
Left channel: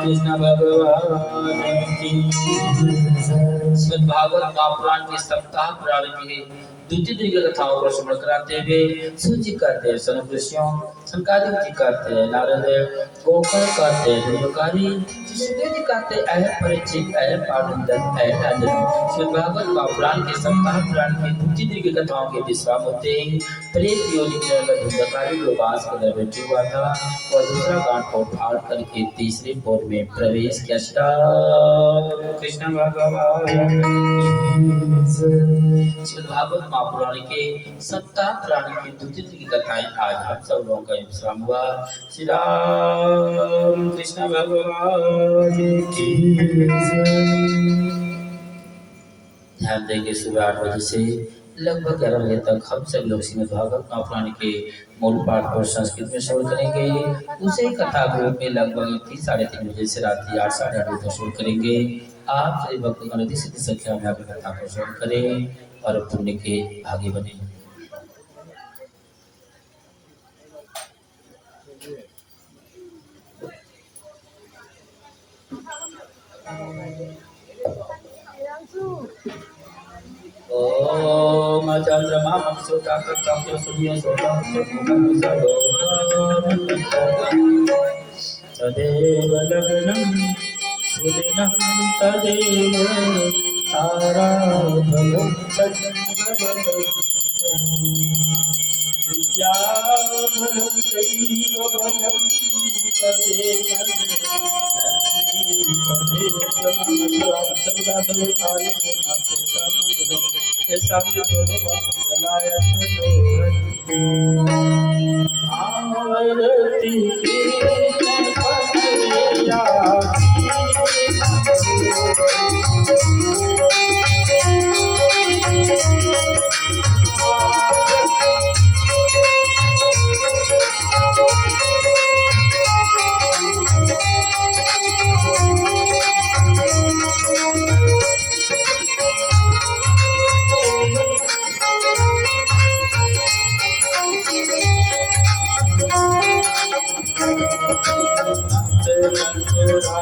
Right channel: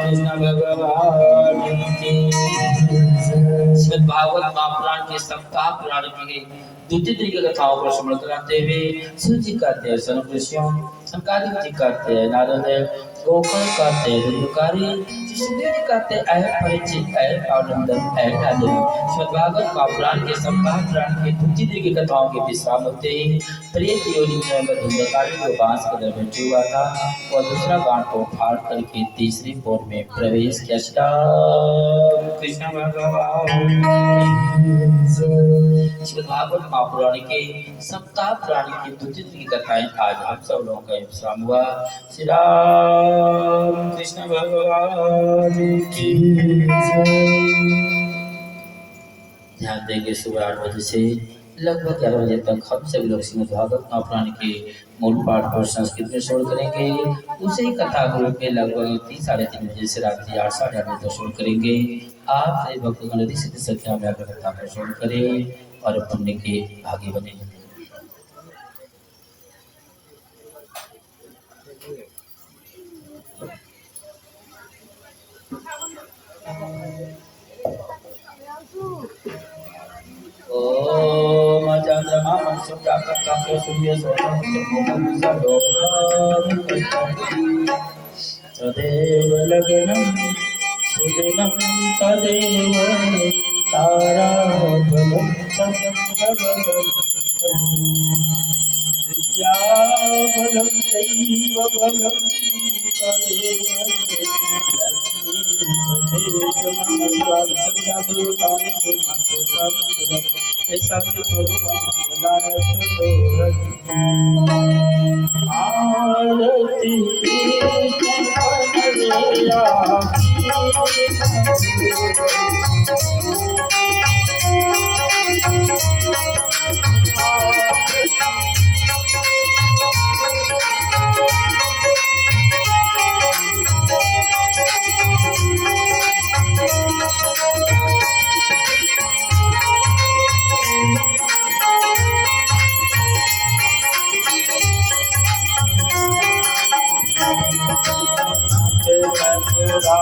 कृष्ण भगवान की। श्रीमद् भागवत महापुराण के सप्ताह पुराण की द्वितीय दिन की कथाओं पर श्रवण कराते हुए सूची कहते हैं सनक ऋषियों, संकादिक जी कहते हैं नारद, गोकर्ण कहते हैं धर्मकारी, शिशुदेव जी कहते हैं अह परिचित, अह पाटनदन, अह राजन। श्रीमद् भागवत महापुराण के सप्ताह पुराण की द्वितीय दिन की कथाओं के विश्राम होते ही प्रेत योनि में धर्मकारी जो बांस के अंदर बैठे हुआ था और दूसरा गांठ को फाड़ करके तीसरे पोर में प्रवेश किया। श्री कृष्ण भगवान। श्रीमद् भागवत महापुराण के सप्ताह पुराण की द्वितीय की कथाएं आज हम सब लोगों का विश्राम हुआ। श्री राम कृष्ण भगवान की ध्यान देंगे। सुबह 8 बजे से लगभग 11 बजे तक हम सब लोग श्रीमद् भागवत महापुराण के मूल पाठ पर संस्कृत में श्रवण करेंगे। उसे कथा के रूप में लगभग 3 साढ़े 3 बजे से रात्रि 8 साढ़े 8 बजे तक श्रवण करेंगे। आप सभी भक्तगण अधिक से संख्या में आकर कथा पर श्रवण करें और पुण्य के भागी बने। ओम चंद्रमा मंसुराकृतं सूर्य सोमं तदेव लग्नं सुदिनं तदेव ताराबलं तद्बलं विद्याबलं दैवबलं तदेव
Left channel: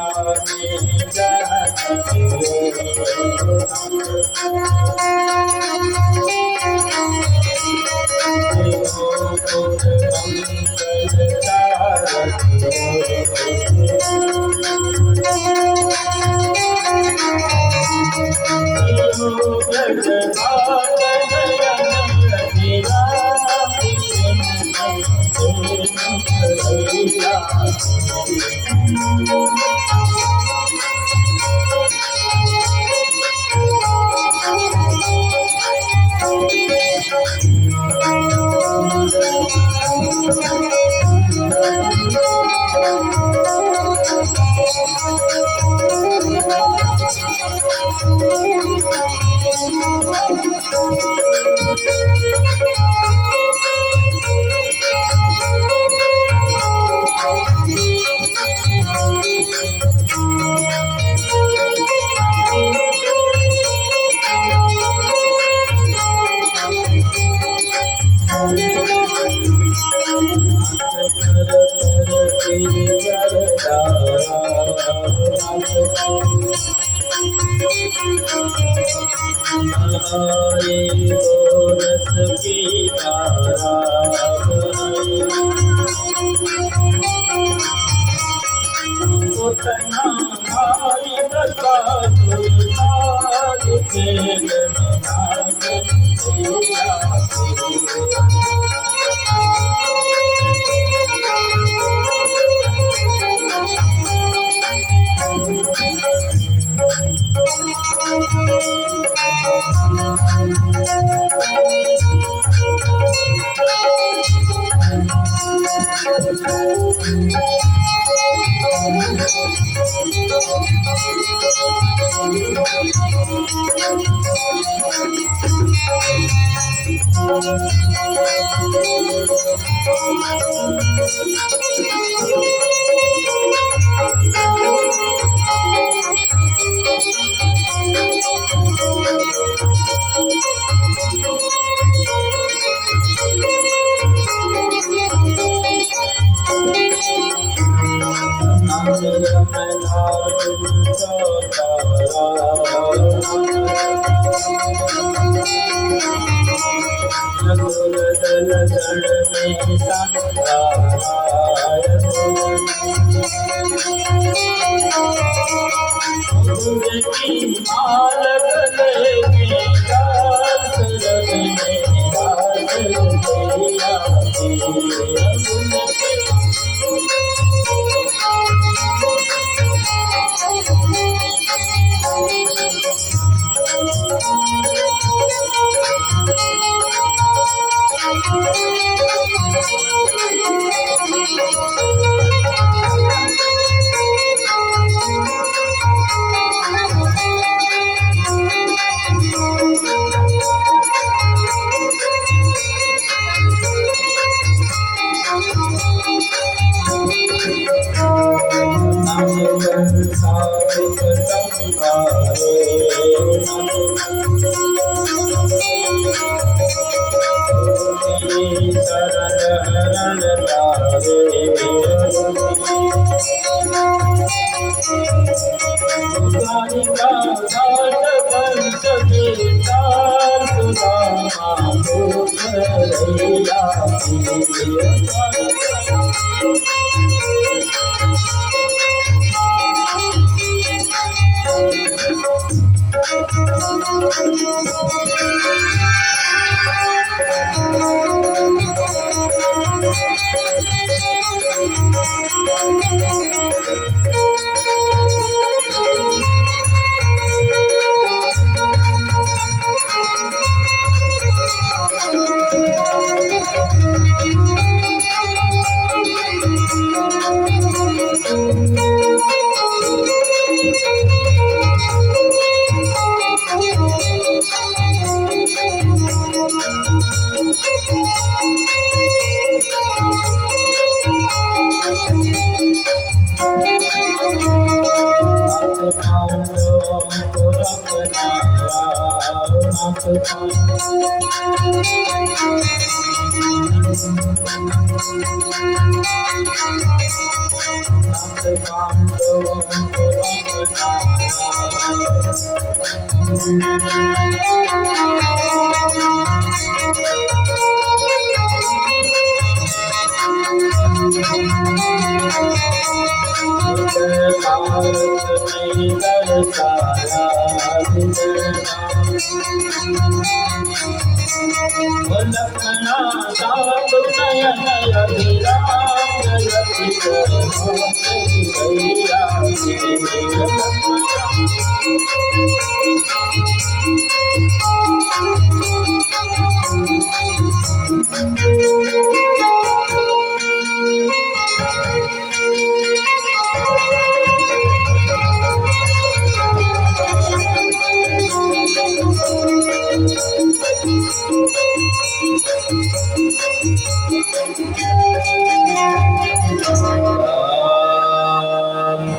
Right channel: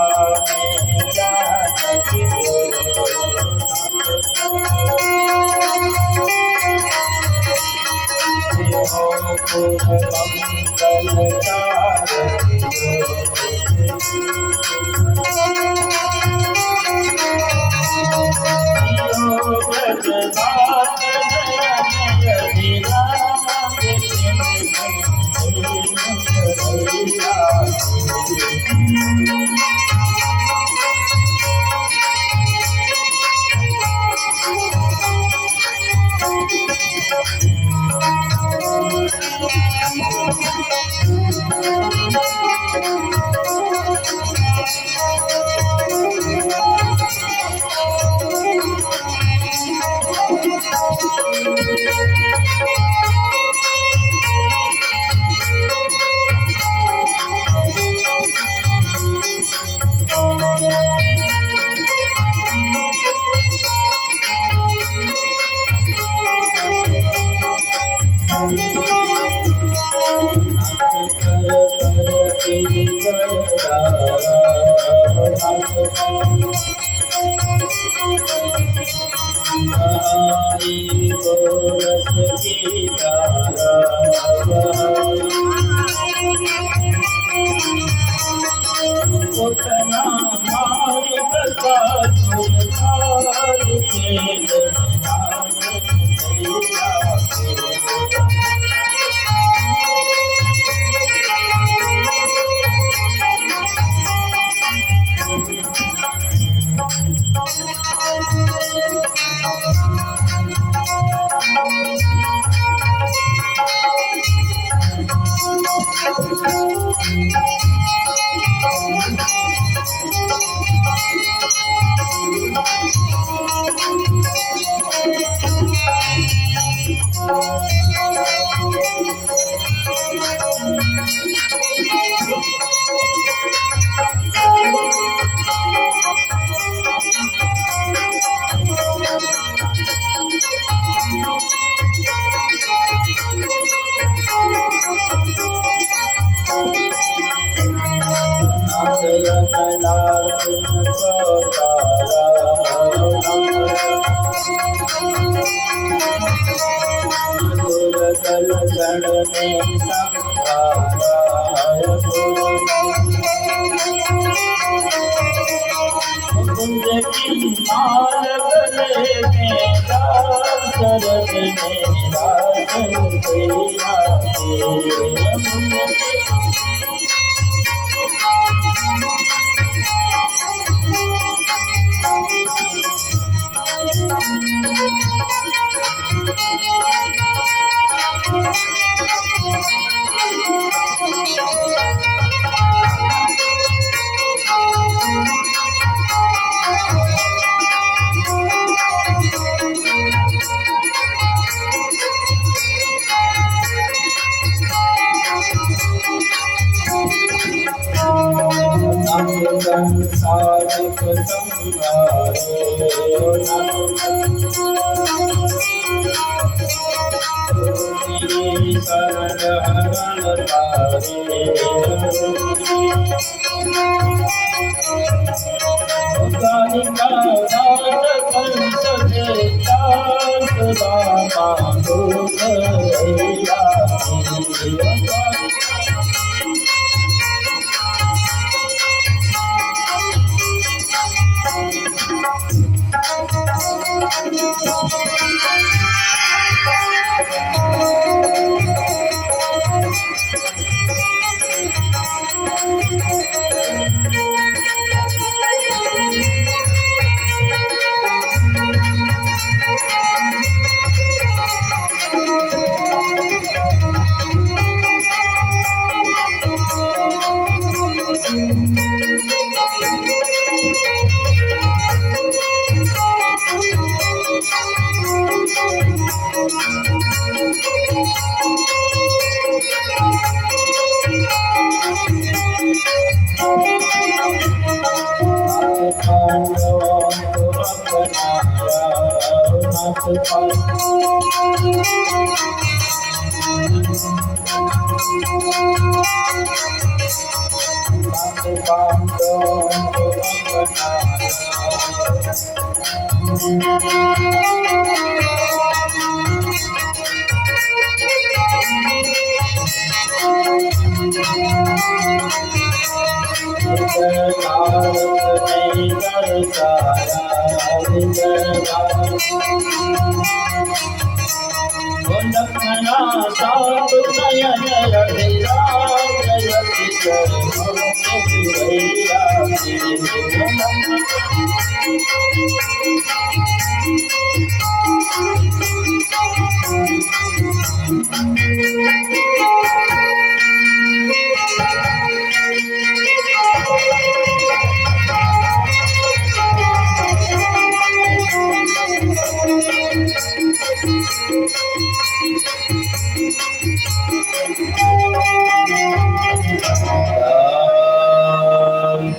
आरती की उतना मारी प्रसाद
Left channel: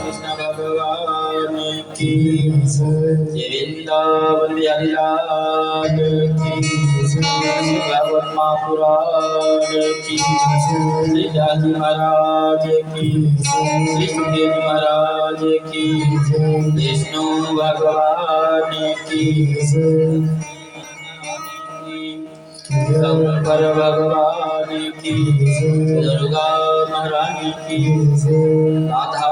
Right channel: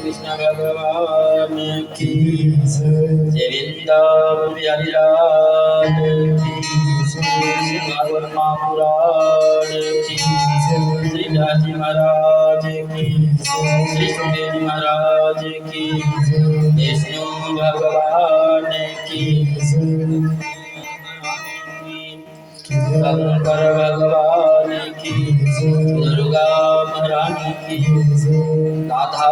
कृष्ण भगवान की जय वृंदावन बिहारी लाल की श्री भागवत महापुराण की, श्री व्यास जी महाराज की, श्री सुखदेव जी महाराज की, विष्णु भगवान की, शंकर भगवान की, दुर्गा महारानी की, राधा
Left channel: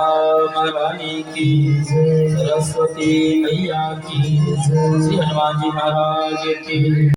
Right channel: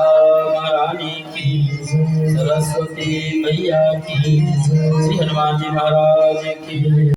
महारानी की, सरस्वती मैया की, श्री हनुमान जी महाराज की।